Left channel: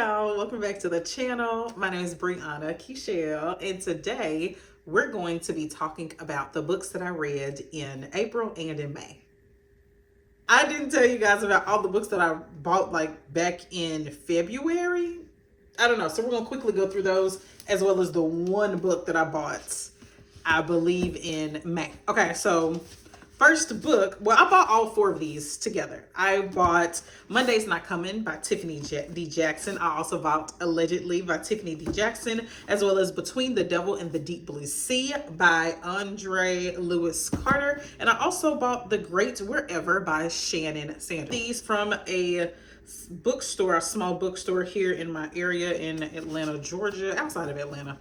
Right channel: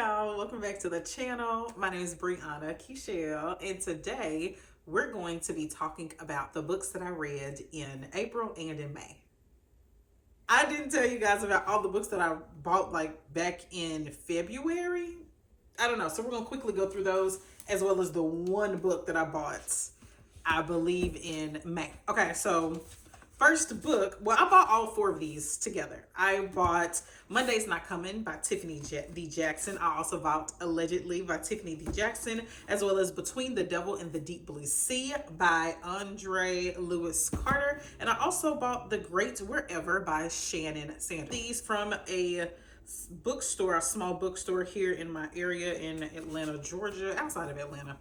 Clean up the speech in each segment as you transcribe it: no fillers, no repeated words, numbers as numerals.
y'all, welcome back to the channel. My name is Brianna Kechelle, and today we're going to be talking about the books that I read in April and in May. I didn't tell you guys about all the books that I bought like back in February. I don't know, so we're gonna quickly go through those as well as the one book that I bought, I believe, in May. Okay, so first book, well, I bought all four of these together. I bought Monday's Not Coming by Tiffany D. Jackson. I also bought Allegedly by Tiffany D. Jackson, as well as Between the Devil and the Deep Blue Sea by Andre Lewis Carter. And I also bought The Great Wherever by Shannon Sanders. These from a bookstore, a small bookstore here in my area in Atlanta, Georgia, outside of Atlanta,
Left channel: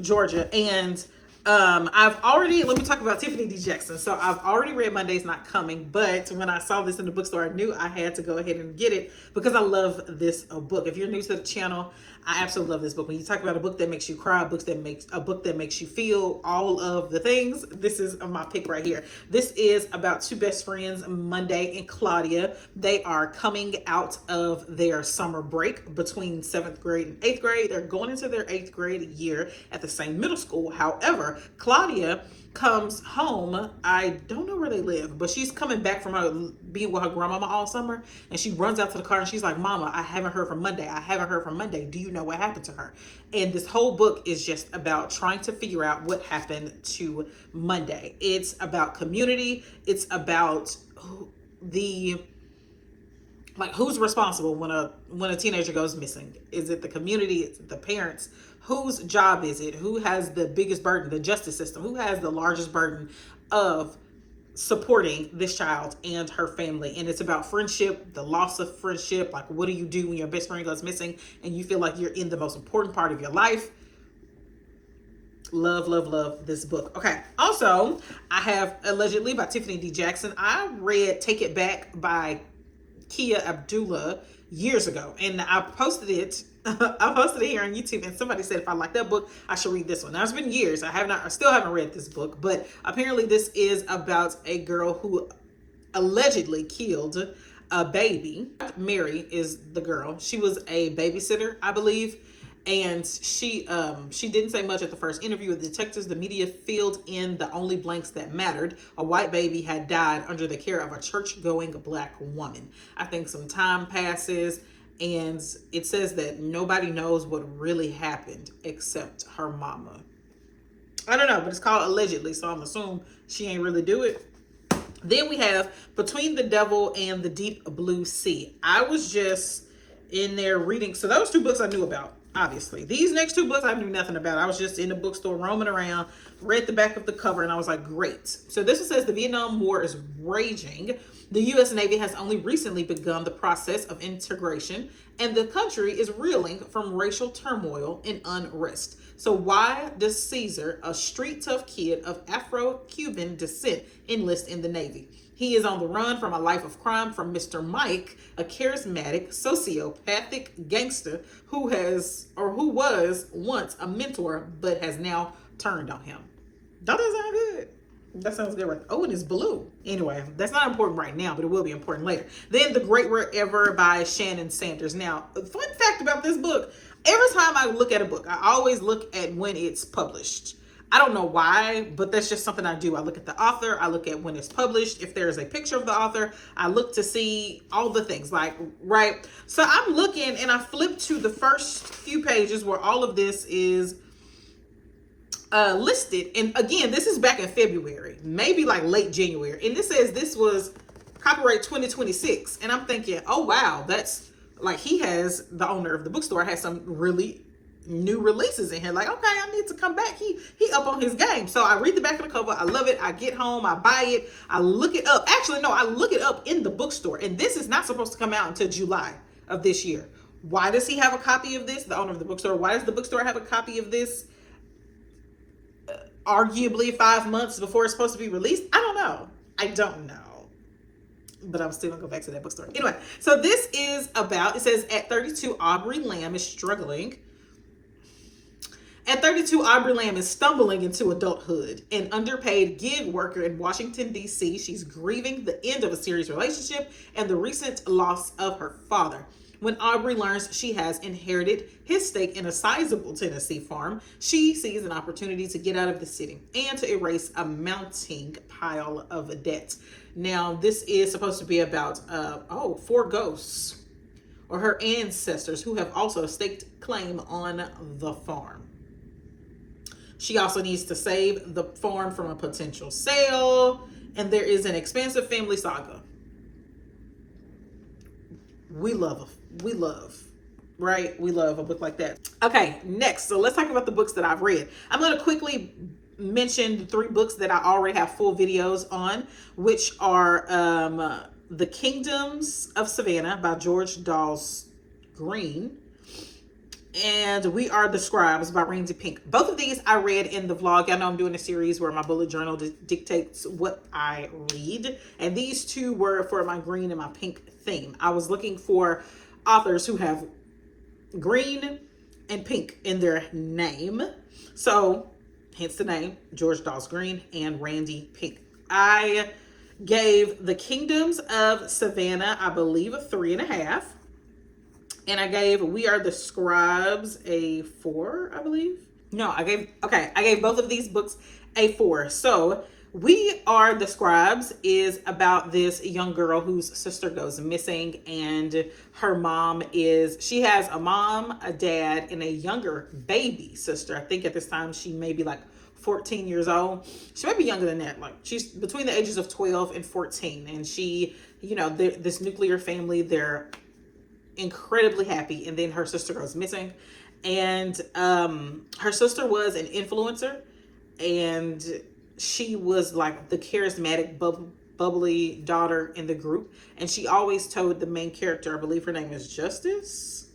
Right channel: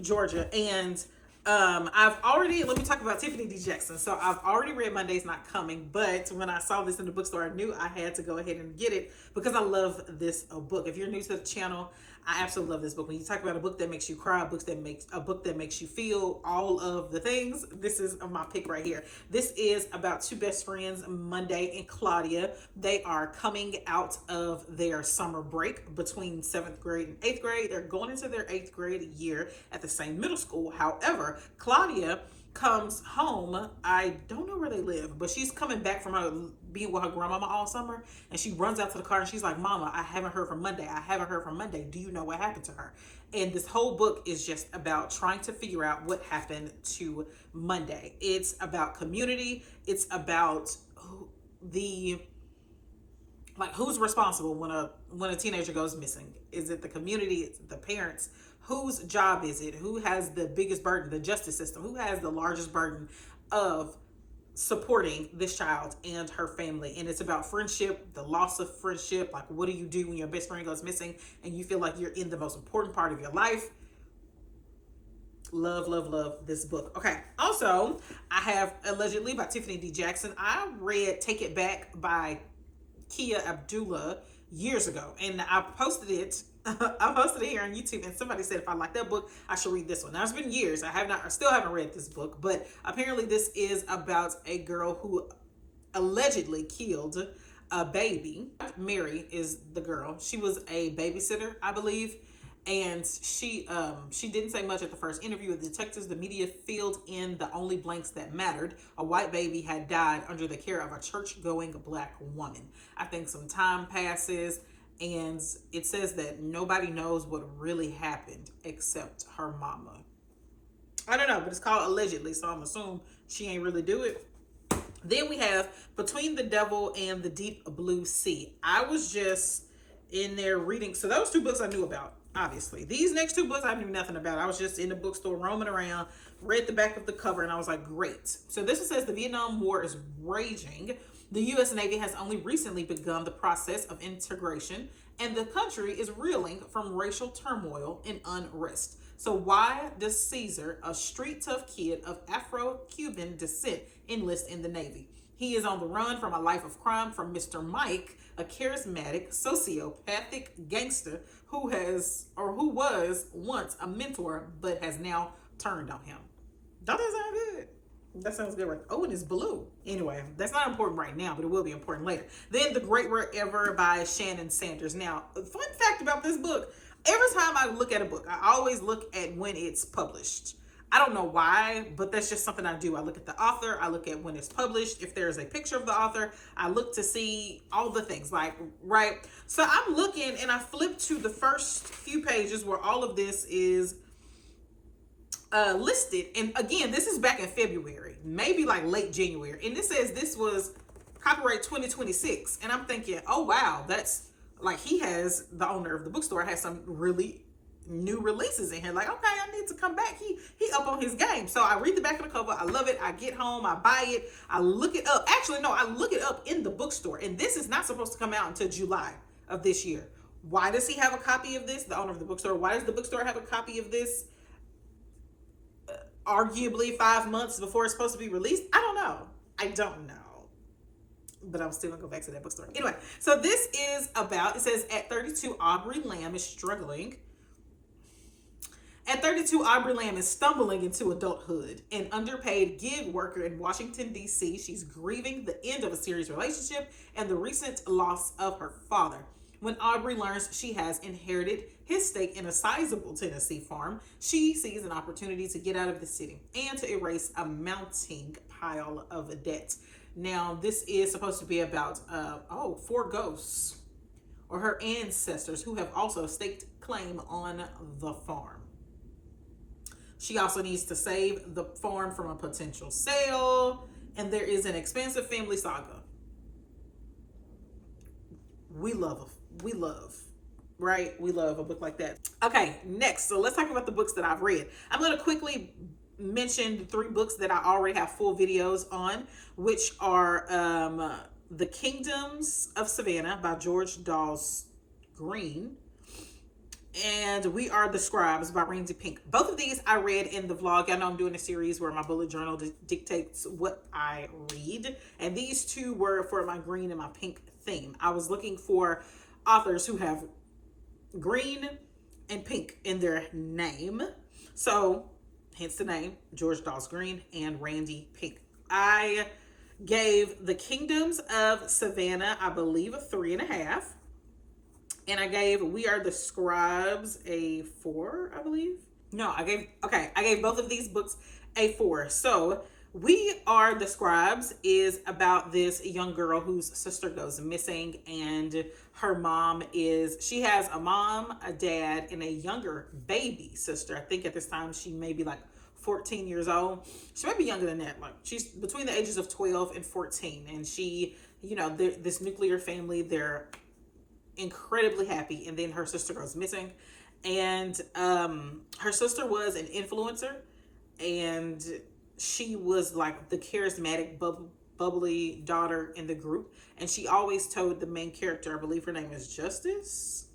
Georgia. And let me talk about Tiffany D. Jackson. So I've already read Monday's Not Coming, but when I saw this in the bookstore, I knew I had to go ahead and get it because I love this book. If you're new to the channel, I absolutely love this book. When you talk about a book that makes you cry, a book that makes you feel all of the things, this is my pick right here. This is about two best friends, Monday and Claudia. They are coming out of their summer break between 7th grade and 8th grade. They're going into their 8th grade year at the same middle school. However, Claudia comes home. I don't know where they live, but she's coming back from being with her grandmama all summer, and she runs out to the car and she's like, "Mama, I haven't heard from Monday. I haven't heard from Monday. Do you know what happened to her?" And this whole book is just about trying to figure out what happened to Monday. It's about community. It's about who's responsible when a teenager goes missing. Is it the community? Is it the parents? Whose job is it? Who has the biggest burden? The justice system. Who has the largest burden of supporting this child and her family? And it's about friendship, the loss of friendship. Like, what do you do when your best friend goes missing and you feel like you're in the most important part of your life? Love, love, love this book. Okay. Also, I have Allegedly by Tiffany D. Jackson. I read Take It Back by Kia Abdullah years ago, and I posted it. I posted it here on YouTube, and somebody said if I like that book, I should read this one. Now, it's been years. I still haven't read this book, but apparently this is about a girl who allegedly killed a baby. Mary is the girl. She was a babysitter, I believe, and she didn't say much at the first interview with detectives. The media filled in the only blanks that mattered. A white baby had died under the care of a church-going black woman. I think some time passes, and it says that nobody knows what really happened except her mama. I don't know, but it's called Allegedly, so I'm assuming she ain't really do it. Then we have Between the Devil and the Deep Blue Sea. I was just in there reading. So those two books I knew about, obviously. These next two books I knew nothing about. I was just in the bookstore roaming around, read the back of the cover, and I was like, great. So this one says the Vietnam War is raging. The U.S. Navy has only recently begun the process of integration, and the country is reeling from racial turmoil and unrest. So why does Caesar, a street tough kid of Afro-Cuban descent, enlist in the Navy? He is on the run from a life of crime from Mr. Mike, a charismatic, sociopathic gangster who was once a mentor but has now turned on him. Don't that sound good? That sounds good, right? Oh, and it's blue. Anyway, that's not important right now, but it will be important later. Then The Great Wherever by Shannon Sanders. Now, fun fact about this book, every time I look at a book, I always look at when it's published. I don't know why, but that's just something I do. I look at the author, I look at when it's published. If there's a picture of the author, I look to see all the things, like, right? So I'm looking, and I flip to the first few pages where all of this is listed. And again, this is back in February, maybe like late January. And this says this was copyright 2026. And I'm thinking, oh, wow, that's like, the owner of the bookstore has some really new releases in here. Like, okay, I need to come back. He up on his game. So I read the back of the cover. I love it. I get home, I buy it. I look it up. Actually, no, I look it up in the bookstore. And this is not supposed to come out until July of this year. Why does he have a copy of this? The owner of the bookstore. Why does the bookstore have a copy of this? Arguably 5 months before it's supposed to be released. I don't know. But I'm still gonna go back to that bookstore. Anyway, so this is about, it says at 32, Aubrey Lamb is struggling. At 32, Aubrey Lamb is stumbling into adulthood. An underpaid gig worker in Washington, D.C., she's grieving the end of a serious relationship and the recent loss of her father. When Aubrey learns she has inherited his stake in a sizable Tennessee farm, she sees an opportunity to get out of the city and to erase a mounting pile of debt. Now, this is supposed to be about, four ghosts or her ancestors who have also staked claim on the farm. She also needs to save the farm from a potential sale, and there is an expansive family saga. We love a book like that. Okay, next, so let's talk about the books that I've read. I'm going to quickly mention the 3 books that I already have full videos on, which are The Kingdoms of Savannah by George Dawes Green, and We Are the Scribes by Randy Pink. Both of these I read in the vlog. I know I'm doing a series where my bullet journal dictates what I read, and these 2 were for my green and my pink theme. I was looking for authors who have green and pink in their name, so hence the name, George Dawes Green and Randy Pink. I gave The Kingdoms of Savannah, I believe, a 3.5. And I gave We Are the Scribes a 4, I believe. No, I gave both of these books a 4. So We Are the Scribes is about this young girl whose sister goes missing, and her mom she has a mom, a dad, and a younger baby sister. I think at this time she may be like 14 years old. She might be younger than that. Like, she's between the ages of 12 and 14. And she, this nuclear family, they're incredibly happy. And then her sister goes missing. And her sister was an influencer. And she was like the charismatic, bubbly daughter in the group. And she always told the main character, I believe her name is Justice.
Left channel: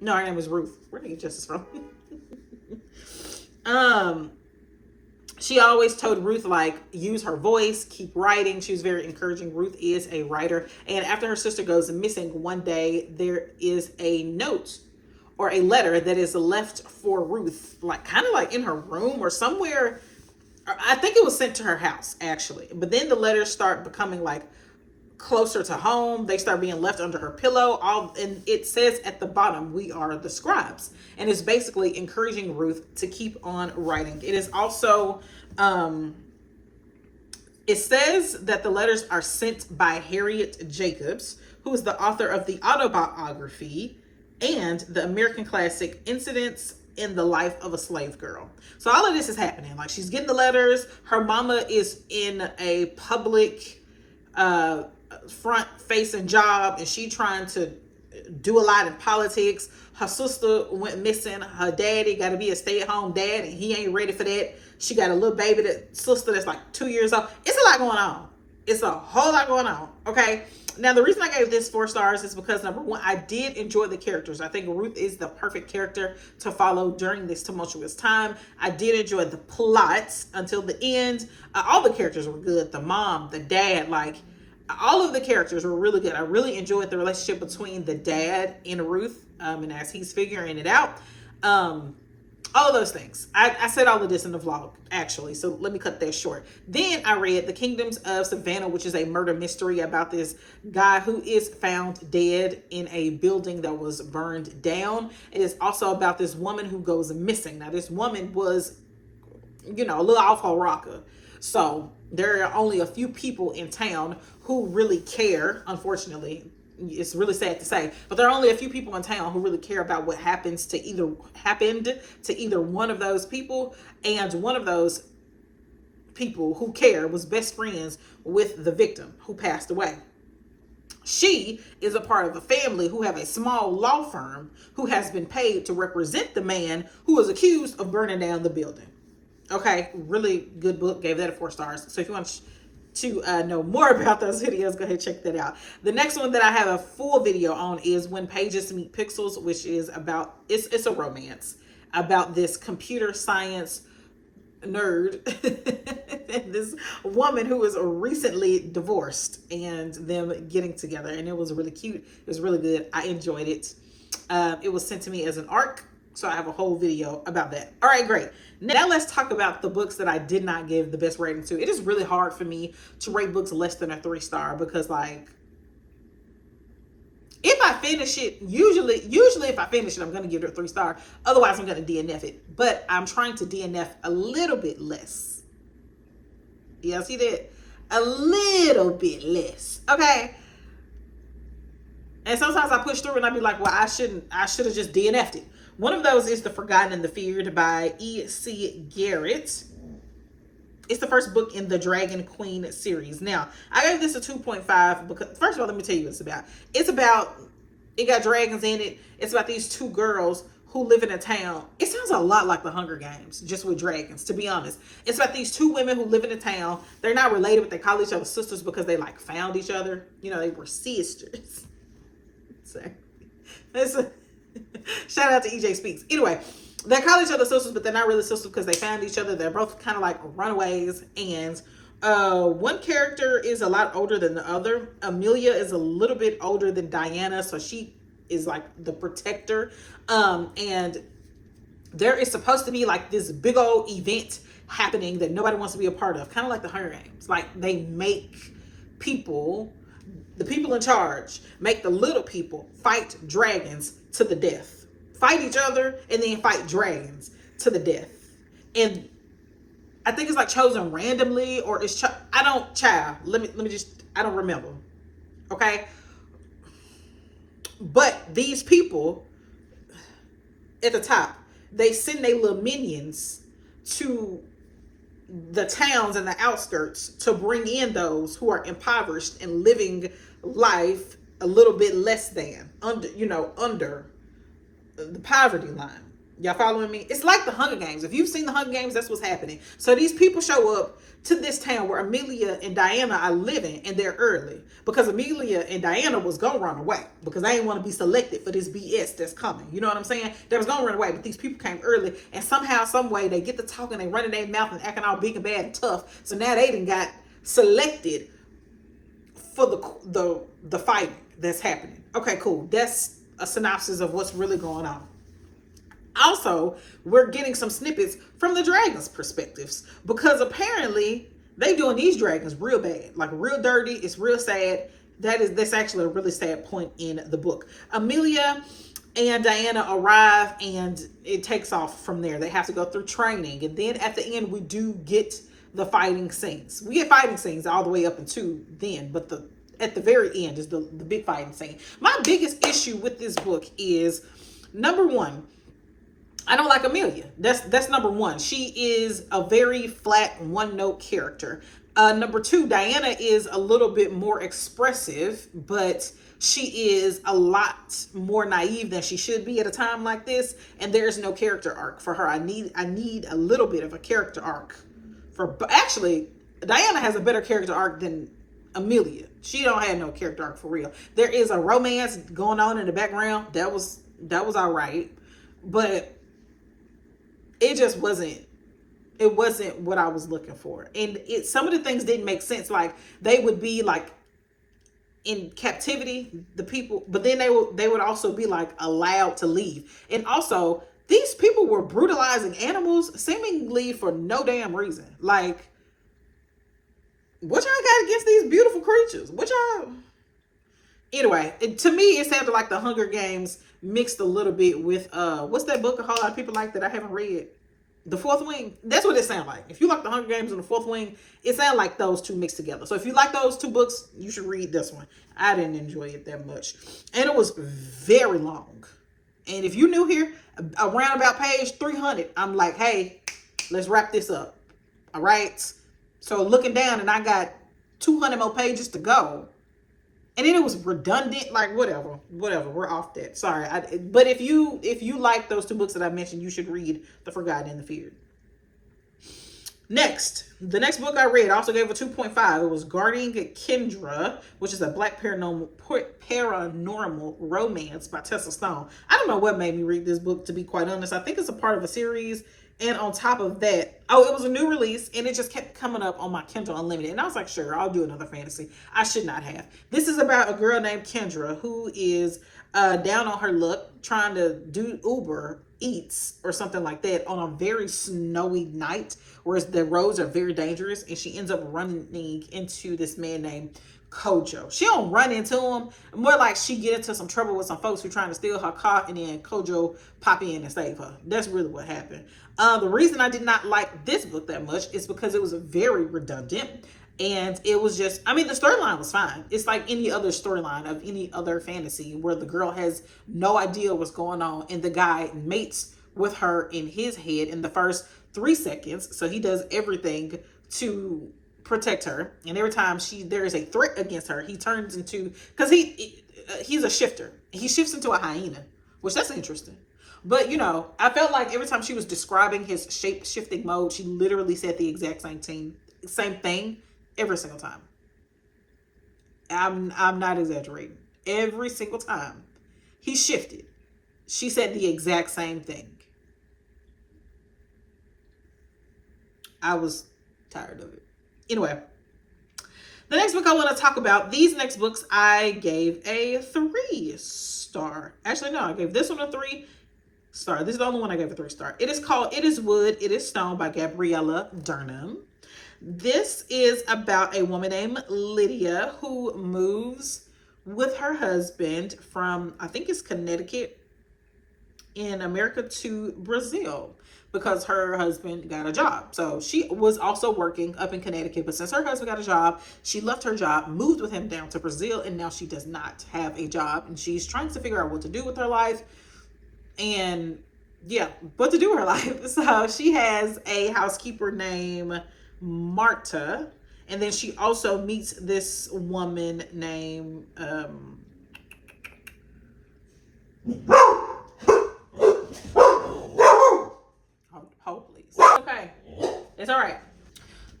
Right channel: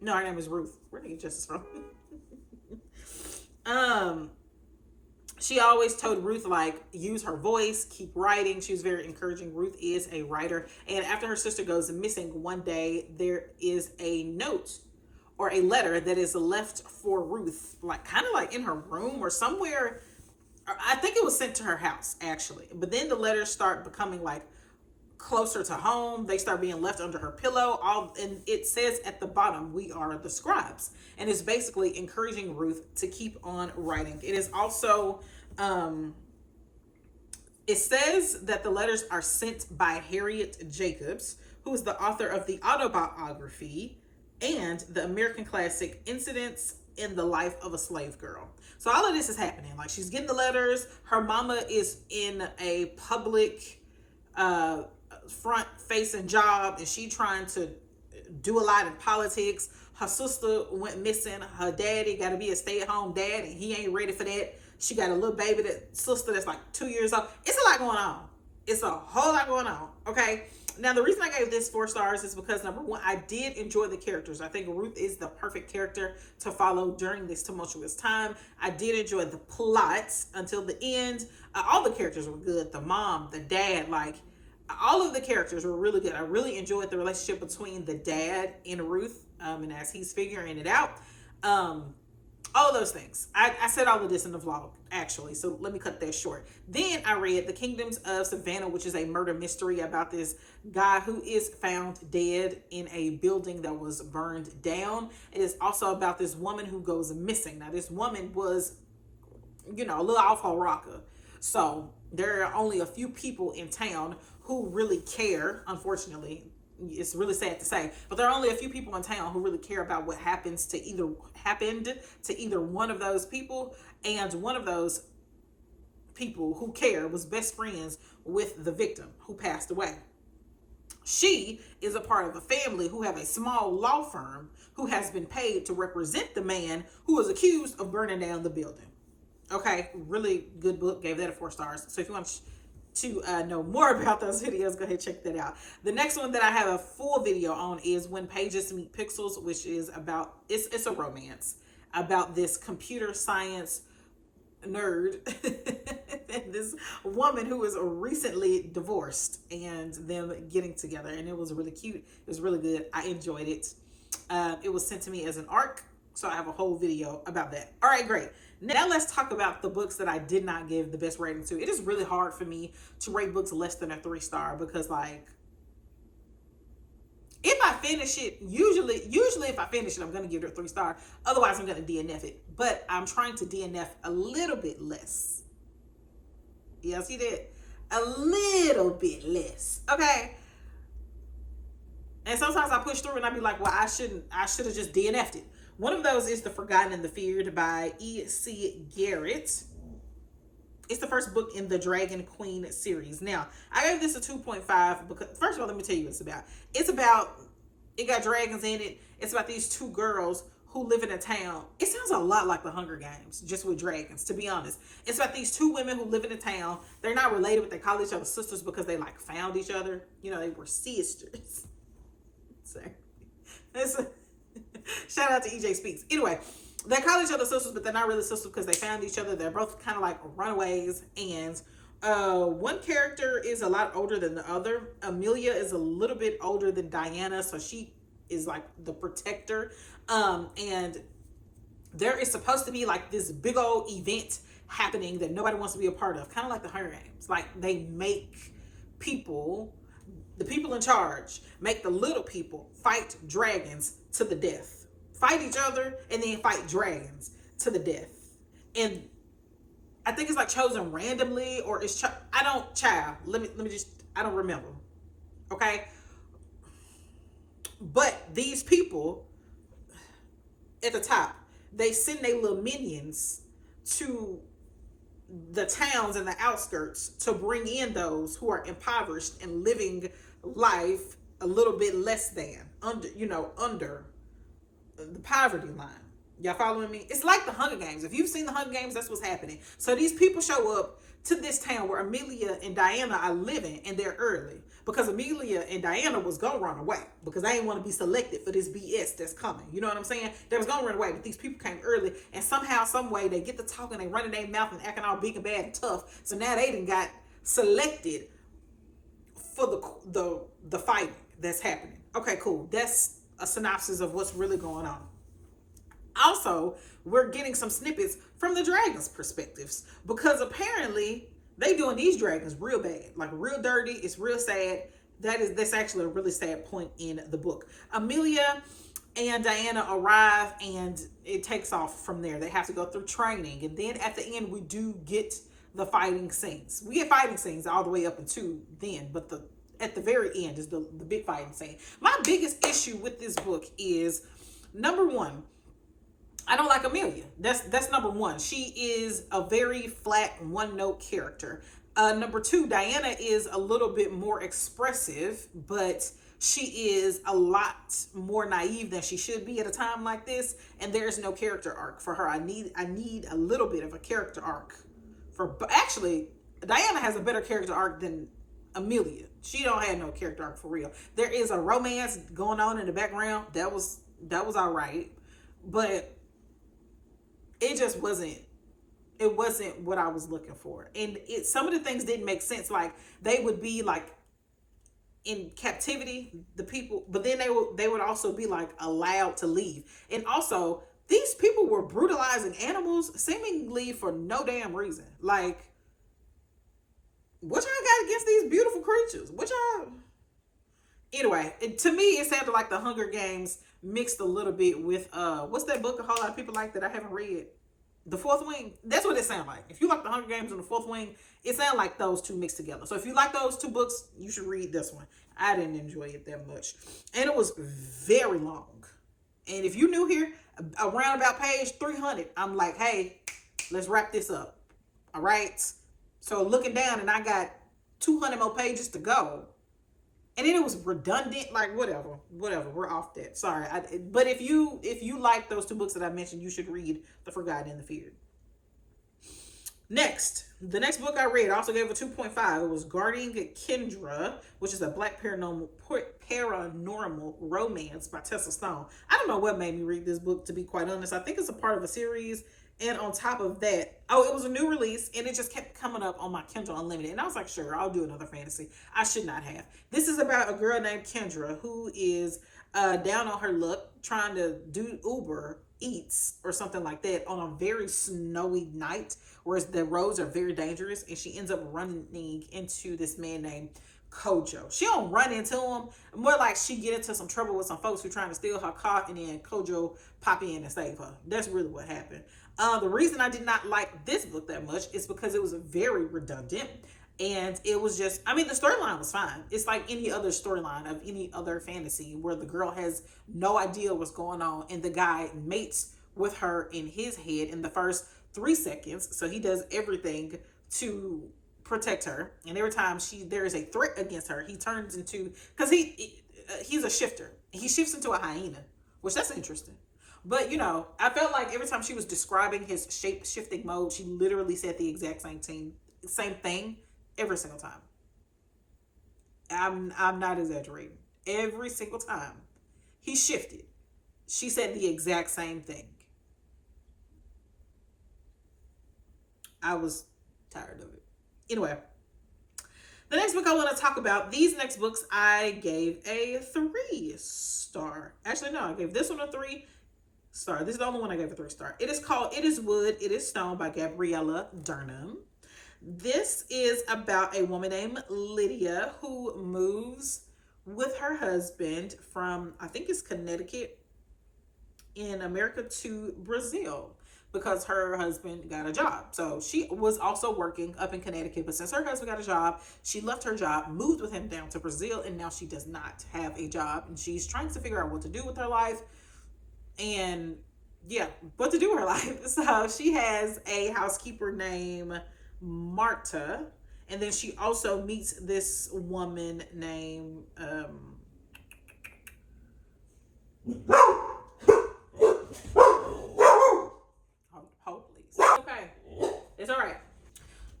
No, her name is Ruth. Where did I get Justice from? She always told Ruth, like, use her voice, keep writing. She was very encouraging. Ruth is a writer. And after her sister goes missing, one day there is a note or a letter that is left for Ruth, like kind of like in her room or somewhere. I think it was sent to her house, actually. But then the letters start becoming like closer to home. They start being left under her pillow. And it says at the bottom, We Are the Scribes. And it's basically encouraging Ruth to keep on writing. It is also, it says that the letters are sent by Harriet Jacobs, who is the author of the autobiography and the American classic Incidents in the Life of a Slave Girl. So all of this is happening. Like, she's getting the letters. Her mama is in a public front-facing job, and she trying to do a lot in politics. Her sister went missing. Her daddy got to be a stay-at-home dad, and he ain't ready for that. She got a little baby, sister that's like 2 years old. It's a lot going on. It's a whole lot going on, okay? Now, the reason I gave this 4 stars is because, number one, I did enjoy the characters. I think Ruth is the perfect character to follow during this tumultuous time. I did enjoy the plots until the end. All the characters were good. The mom, the dad, like, all of the characters were really good. I really enjoyed the relationship between the dad and Ruth, and as he's figuring it out. All those things. I said all of this in the vlog, actually, so let me cut that short. Then I read The Kingdoms of Savannah, which is a murder mystery about this guy who is found dead in a building that was burned down. It is also about this woman who goes missing. Now, this woman was, a little off her rocker. So there are only a few people in town who really care, unfortunately. It's really sad to say, but there are only a few people in town who really care about what happened to either one of those people, and one of those people who care was best friends with the victim who passed away. She is a part of a family who have a small law firm who has been paid to represent the man who was accused of burning down the building. Okay, really good book. Gave that a 4 stars. So if you want to know more about those videos, go ahead and check that out. The next one that I have a full video on is When Pages Meet Pixels, which is about, it's a romance about this computer science nerd and this woman who was recently divorced and them getting together. And it was really cute. It was really good. I enjoyed it. It was sent to me as an ARC, so I have a whole video about that. All right, great. Now let's talk about the books that I did not give the best rating to. It is really hard for me to rate books less than a 3 star because, like, if I finish it, usually if I finish it, I'm gonna give it a 3-star. Otherwise, I'm gonna DNF it. But I'm trying to DNF a little bit less. Y'all see that? A little bit less. Okay. And sometimes I push through and I be like, well, I should have just DNF'd it. One of those is The Forgotten and the Feared by E.C. Garrett. It's the first book in the Dragon Queen series. Now, I gave this a 2.5 because, first of all, let me tell you what it's about. It got dragons in it. It's about these two girls who live in a town. It sounds a lot like the Hunger Games, just with dragons, to be honest. It's about these two women who live in a town. They're not related, but they call each other sisters because they like found each other. You know, they were sisters. So, shout out to EJ Speaks. Anyway, they call each other sisters, but they're not really sisters because they found each other. They're both kind of like runaways. And one character is a lot older than the other. Amelia is a little bit older than Diana, so she is like the protector. And there is supposed to be like this big old event happening that nobody wants to be a part of, kind of like the Hunger Games. Like they make the people in charge make the little people fight dragons to the death. Fight each other and then fight dragons to the death. And I think it's like chosen randomly, or it's I don't remember. Okay? But these people at the top, they send their little minions to the towns and the outskirts to bring in those who are impoverished and living life a little bit less than under the poverty line. Y'all following me? It's like the Hunger Games. If you've seen the Hunger Games, that's what's happening. So these people show up to this town where Amelia and Diana are living, and they're early because Amelia and Diana was gonna run away because they didn't want to be selected for this BS that's coming. You know what I'm saying? They was gonna run away, but these people came early, and somehow, some way, they get to talking, they running their mouth and acting all big and bad and tough. So now they done got selected for the fight that's happening. Okay, cool. That's a synopsis of what's really going on. Also, we're getting some snippets from the dragons' perspectives because apparently they doing these dragons real bad, like real dirty. It's real sad. That's actually a really sad point in the book. Amelia and Diana arrive and it takes off from there. They have to go through training, and then at the end we do get the fighting scenes. We get fighting scenes all the way up until then, but at the very end is the big fighting scene. My biggest issue with this book is, number one, I don't like Amelia. That's number one. She is a very flat, one-note character. Number two, Diana is a little bit more expressive, but she is a lot more naive than she should be at a time like this, and there's no character arc for her. I need a little bit of a character arc actually, Diana has a better character arc than Amelia. She don't have no character arc for real. There is a romance going on in the background. That was all right, but it just wasn't what I was looking for. And some of the things didn't make sense. Like they would be like in captivity, the people, but then they would also be like allowed to leave. And also these people were brutalizing animals seemingly for no damn reason. Like, what y'all got against these beautiful creatures? Anyway, to me, it sounded like the Hunger Games mixed a little bit with, what's that book a whole lot of people like that I haven't read? The Fourth Wing. That's what it sounded like. If you like the Hunger Games and the Fourth Wing, it sounded like those two mixed together. So if you like those two books, you should read this one. I didn't enjoy it that much. And it was very long. And if you're new here, around about page 300, I'm like, hey, let's wrap this up. All right? So looking down, and I got 200 more pages to go. And then it was redundant, like whatever, we're off that. Sorry. But if you like those two books that I mentioned, you should read The Forgotten and the Feared. The next book I read, I also gave a 2.5. It was Guarding Kendra, which is a Black paranormal romance by Tessa Stone. I don't know what made me read this book, to be quite honest. I think it's a part of a series. And on top of that, it was a new release, and it just kept coming up on my Kindle Unlimited. And I was like, sure, I'll do another fantasy. I should not have. This is about a girl named Kendra who is down on her luck trying to do Uber Eats or something like that on a very snowy night, whereas the roads are very dangerous, and she ends up running into this man named Kojo. She don't run into him. More like she get into some trouble with some folks who trying to steal her car, and then Kojo pop in and save her. That's really what happened. The reason I did not like this book that much is because it was very redundant. And it was just, I mean, the storyline was fine. It's like any other storyline of any other fantasy where the girl has no idea what's going on and the guy mates with her in his head in the first 3 seconds. So he does everything to protect her. And every time there is a threat against her, he turns into, because he's a shifter. He shifts into a hyena, which that's interesting. But, you know, I felt like every time she was describing his shape-shifting mode, she literally said the exact same thing every single time. I'm not exaggerating. Every single time he shifted, she said the exact same thing. I was tired of it. Anyway, the next book I want to talk about, these next books I gave a 3-star. Actually, no, I gave this one a 3-star. This is the only one I gave a 3-star. It is called It Is Wood, It Is Stone by Gabriella Durham. This is about a woman named Lydia who moves with her husband from, I think it's Connecticut in America, to Brazil because her husband got a job. So she was also working up in Connecticut, but since her husband got a job, she left her job, moved with him down to Brazil, and now she does not have a job, and she's trying to figure out what to do with her life and what to do with her life. So she has a housekeeper named Marta, and then she also meets this woman named hold please. Okay, it's all right.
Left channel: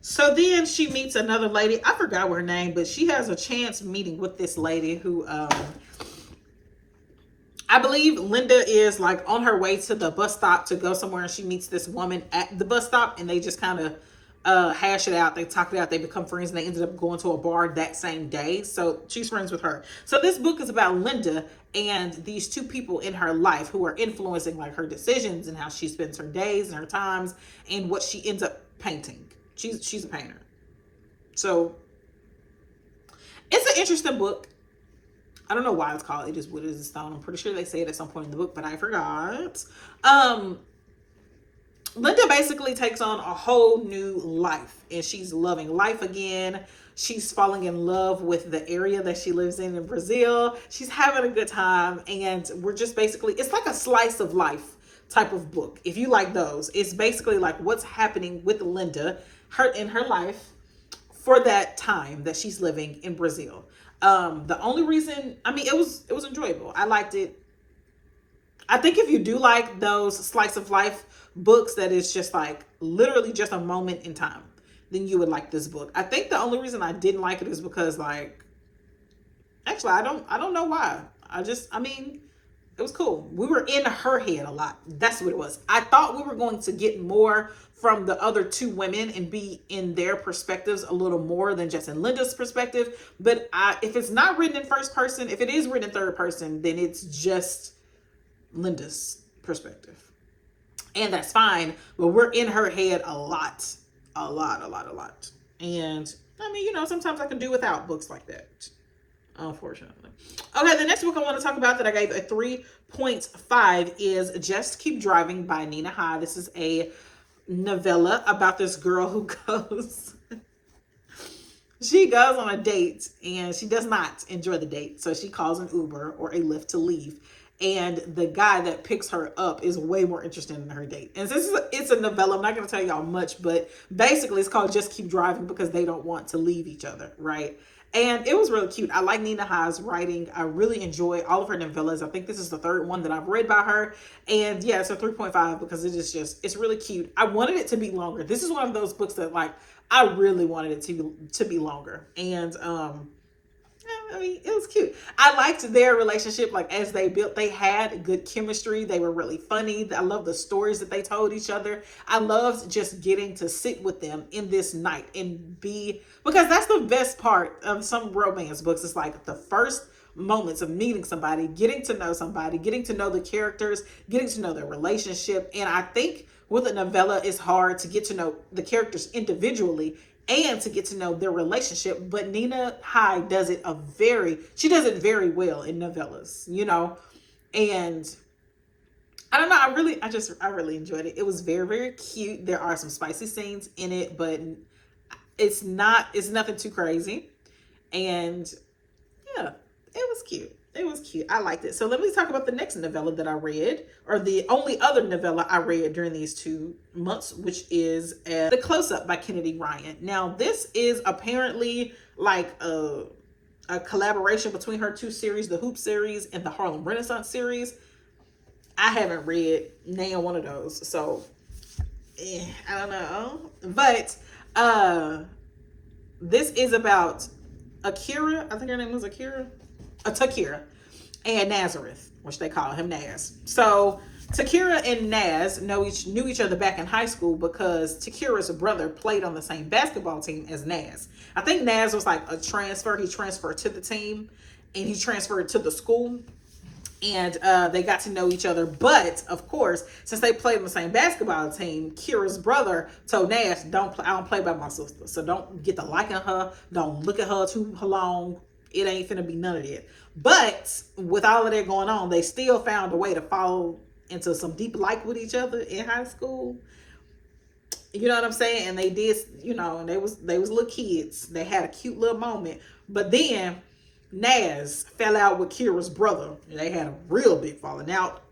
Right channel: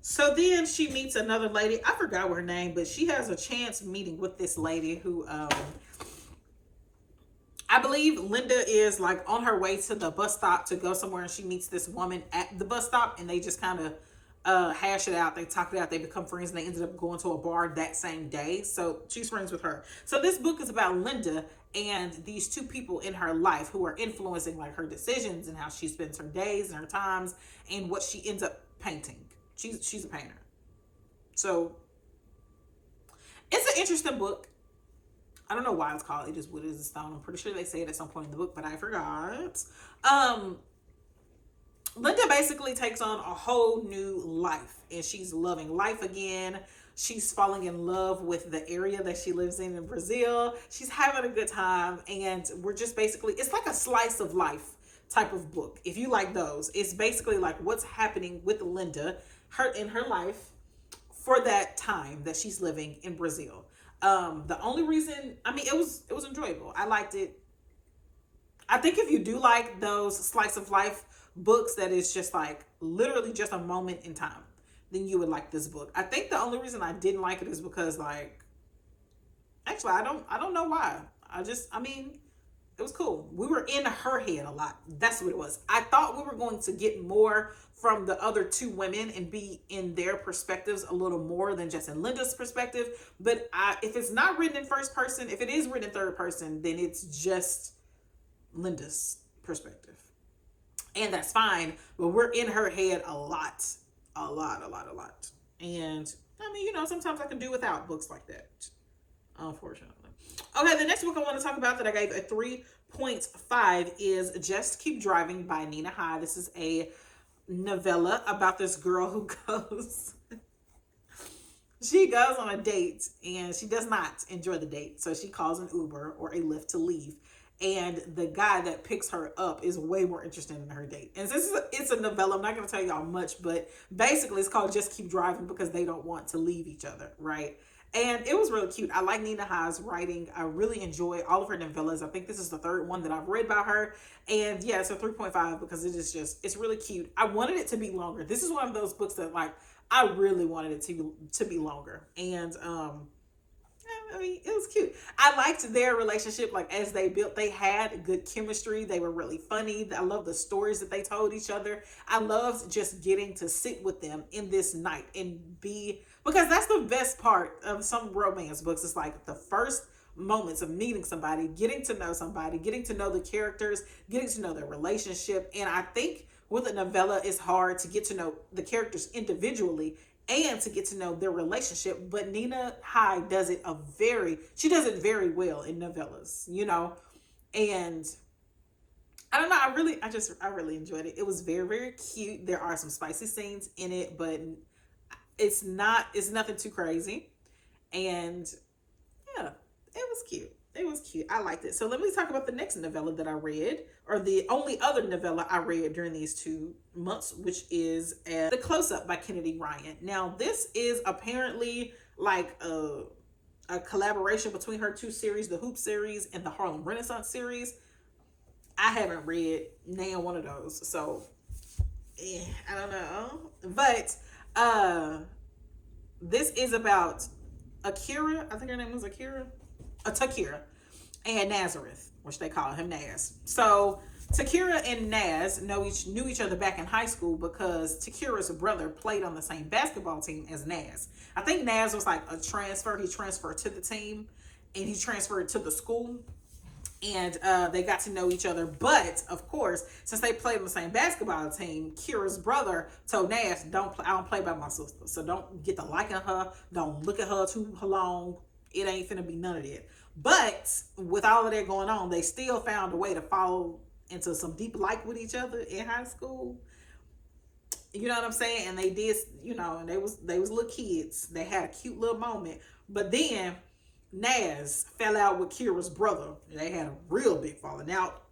So then she meets another lady. I forgot her name, but she has a chance meeting with this lady who I believe Linda is like on her way to the bus stop to go somewhere, and she meets this woman at the bus stop, and they just kind of hash it out. They talk it out. They become friends, and they ended up going to a bar that same day. So she's friends with her. So this book is about Linda and these two people in her life who are influencing like her decisions and how she spends her days and her times and what she ends up painting. She's a painter. So it's an interesting book. I don't know why it's called It Is Wood, It Is Stone. I'm pretty sure they say it at some point in the book, but I forgot. Linda basically takes on a whole new life, and she's loving life again. She's falling in love with the area that she lives in Brazil. She's having a good time, and we're just basically, it's like a slice of life type of book. If you like those, it's basically like what's happening with Linda, in her life for that time that she's living in Brazil. The only reason, I mean, it was enjoyable. I liked it. I think if you do like those slice of life books that is just like literally just a moment in time, then you would like this book. I think the only reason I didn't like it is because like, actually, I don't know why. I mean, it was cool. We were in her head a lot. That's what it was. I thought we were going to get more from the other two women and be in their perspectives a little more than just in Linda's perspective. But if it's not written in first person, if it is written in third person, then it's just Linda's perspective. And that's fine, but we're in her head a lot. And I mean, you know, sometimes I can do without books like that, unfortunately. Okay, the next book I want to talk about that I gave a 3.5 is Just Keep Driving by Nina High. This is a novella about this girl who she goes on a date and she does not enjoy the date. So she calls an Uber or a Lyft to leave. And the guy that picks her up is way more interested in her date. And since it's a novella, I'm not going to tell y'all much, but basically it's called Just Keep Driving because they don't want to leave each other, right? And it was really cute. I like Nina High's writing. I really enjoy all of her novellas. I think this is the third one that I've read by her. And yeah, it's a 3.5 because it is just, it's really cute. I wanted it to be longer. This is one of those books that like, I really wanted it to be longer. And, I mean, it was cute. I liked their relationship. Like as they built, they had good chemistry. They were really funny. I love the stories that they told each other. I loved just getting to sit with them in this night and because that's the best part of some romance books. It's like the first moments of meeting somebody, getting to know somebody, getting to know the characters, getting to know their relationship. And I think with a novella, it's hard to get to know the characters individually and to get to know their relationship. But Nina Hyde does it she does it very well in novellas, and I don't know. I really enjoyed it. It was very, very cute. There are some spicy scenes in it, but it's nothing too crazy. And yeah, it was cute. It was cute. I liked it. So let me talk about the next novella that I read, or the only other novella I read during these 2 months, which is The Close-Up by Kennedy Ryan. Now, this is apparently like a collaboration between her 2 series, the Hoop series and the Harlem Renaissance series. I haven't read neither one of those, so I don't know. But this is about Akira. I think her name was Akira. Takira and Nazareth, which they call him Naz. So Takira and Naz knew each other back in high school because Takira's brother played on the same basketball team as Naz. I think Naz was like a transfer. He transferred to the team and he transferred to the school. And they got to know each other. But, of course, since they played on the same basketball team, Kira's brother told Naz, I don't play by my sister. So don't get to liking her. Don't look at her too long. It ain't finna be none of that. But with all of that going on, they still found a way to fall into some deep like with each other in high school. You know what I'm saying? And they did, and they was little kids. They had a cute little moment. But then Naz fell out with Kira's brother. They had a real big falling out.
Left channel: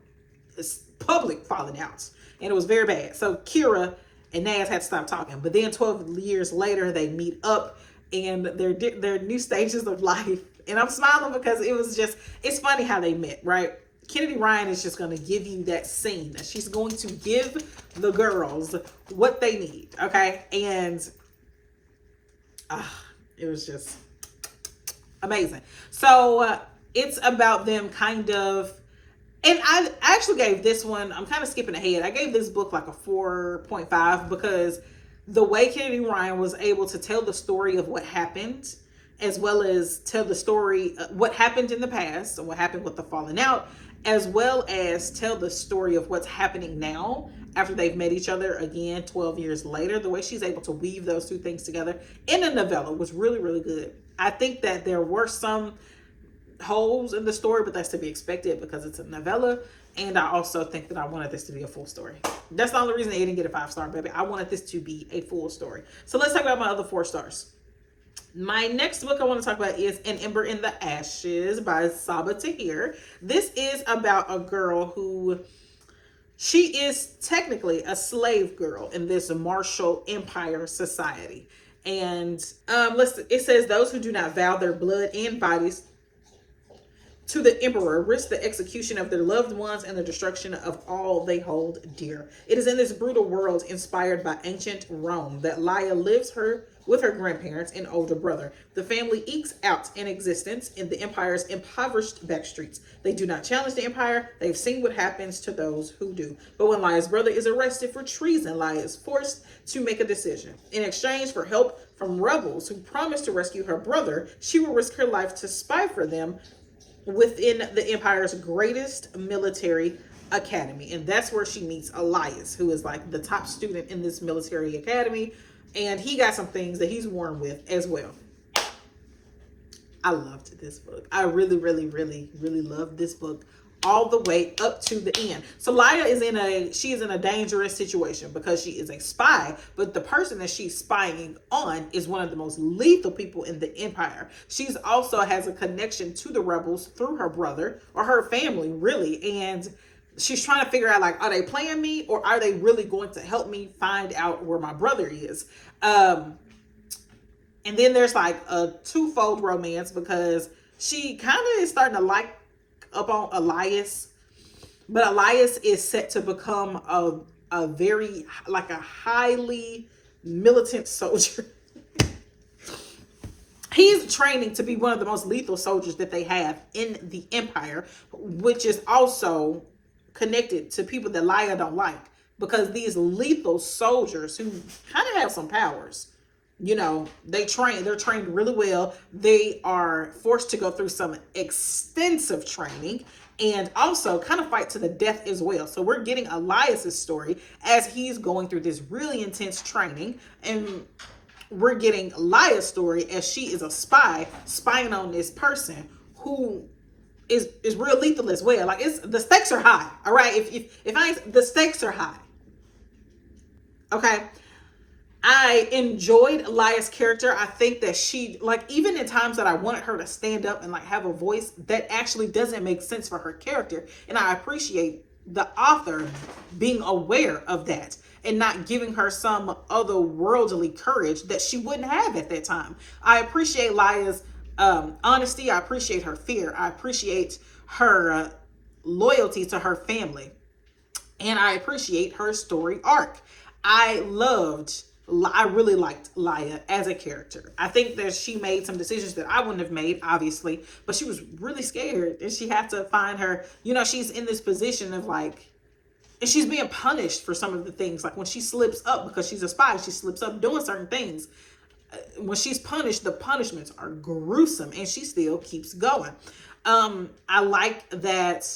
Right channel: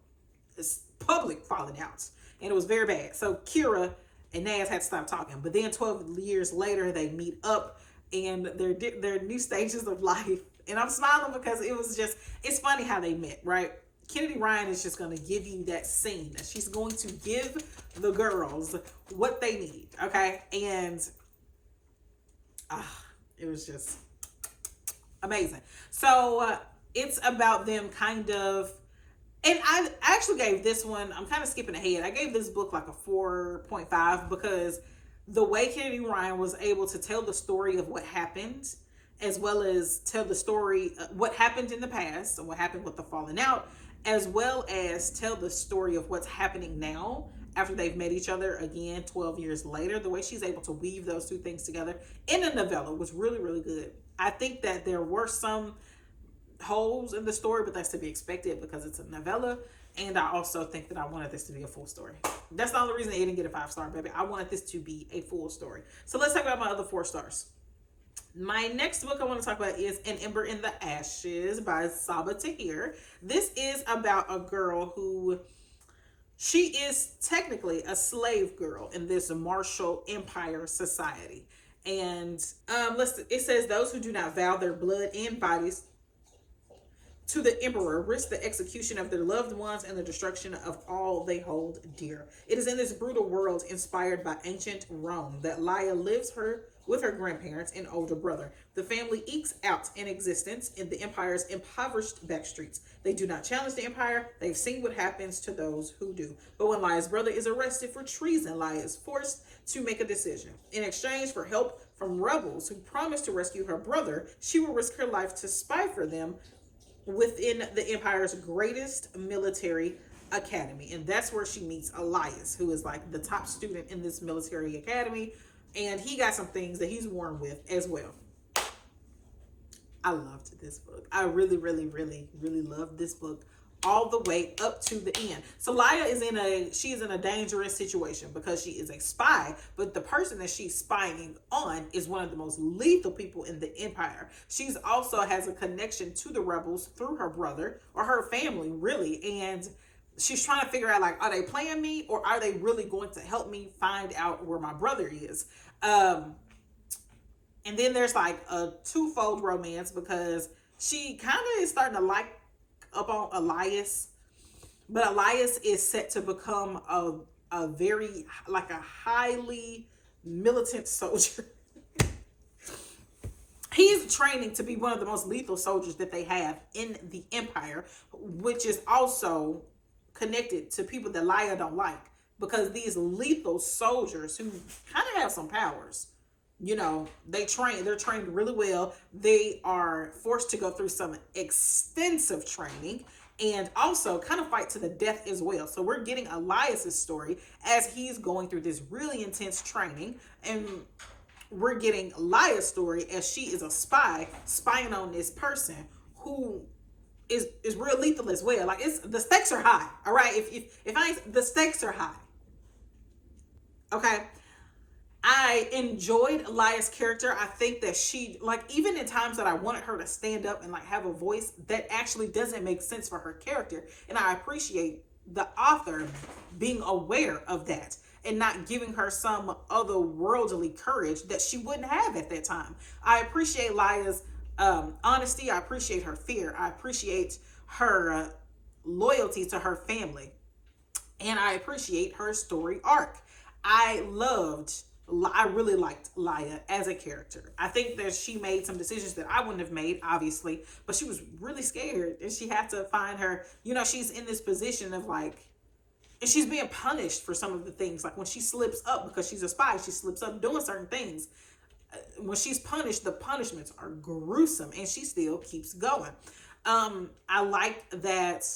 It's public falling outs. And it was very bad. So Kira and Naz had to stop talking. But then 12 years later, they meet up and their new stages of life. And I'm smiling because it's funny how they met, right? Kennedy Ryan is just going to give you that scene that she's going to give the girls what they need, okay? And it was just amazing. So it's about them kind of, and I actually gave this one, I'm kind of skipping ahead. I gave this book like a 4.5 because the way Kennedy Ryan was able to tell the story of what happened, as well as tell the story, what happened in the past, and what happened with the falling out, as well as tell the story of what's happening now after they've met each other again 12 years later. The way she's able to weave those 2 things together in a novella was really, really good. I think that there were some holes in the story, but that's to be expected because it's a novella. And I also think that I wanted this to be a full story. That's the only reason it didn't get a 5-star, baby. I wanted this to be a full story. So let's talk about my other 4 stars. My next book I want to talk about is An Ember in the Ashes by Sabaa Tahir. This is about a girl who, she is technically a slave girl in this martial empire society. And it says, those who do not vow their blood and bodies to the emperor risk the execution of their loved ones and the destruction of all they hold dear. It is in this brutal world inspired by ancient Rome that Laya lives with her grandparents and older brother. The family ekes out an existence in the empire's impoverished back streets. They do not challenge the empire. They've seen what happens to those who do. But when Laya's brother is arrested for treason, Laya is forced to make a decision. In exchange for help from rebels who promise to rescue her brother, she will risk her life to spy for them within the empire's greatest military academy. And that's where she meets Elias, who is like the top student in this military academy. And he got some things that he's warned with as well. I loved this book. I really, really, really, really loved this book all the way up to the end. So Laya is in a dangerous situation because she is a spy, but the person that she's spying on is one of the most lethal people in the empire. She's also has a connection to the rebels through her brother or her family, really. And she's trying to figure out, like, are they playing me or are they really going to help me find out where my brother is? And then there's like a twofold romance because she kind of is starting to like up on Elias, but Elias is set to become a very, like, a highly militant soldier. He's training to be one of the most lethal soldiers that they have in the empire, which is also connected to people that Laya don't like, because these lethal soldiers who kind of have some powers, they're trained really well. They are forced to go through some extensive training and also kind of fight to the death as well. So we're getting Elias's story as he's going through this really intense training. And we're getting Laya's story as she is a spy spying on this person who is real lethal as well. Like, it's the stakes are high. All right, if I ain't, the stakes are high. Okay. I enjoyed Laya's character. I think that she, like, even in times that I wanted her to stand up and like have a voice, that actually doesn't make sense for her character. And I appreciate the author being aware of that and not giving her some otherworldly courage that she wouldn't have at that time. I appreciate Laya's honesty. I appreciate her fear. I appreciate her loyalty to her family. And I appreciate her story arc. I really liked Laya as a character. I think that she made some decisions that I wouldn't have made, obviously, but she was really scared and she had to find her, she's in this position of like, and she's being punished for some of the things. Like when she slips up, because she's a spy, she slips up doing certain things. When she's punished, the punishments are gruesome and she still keeps going. I like that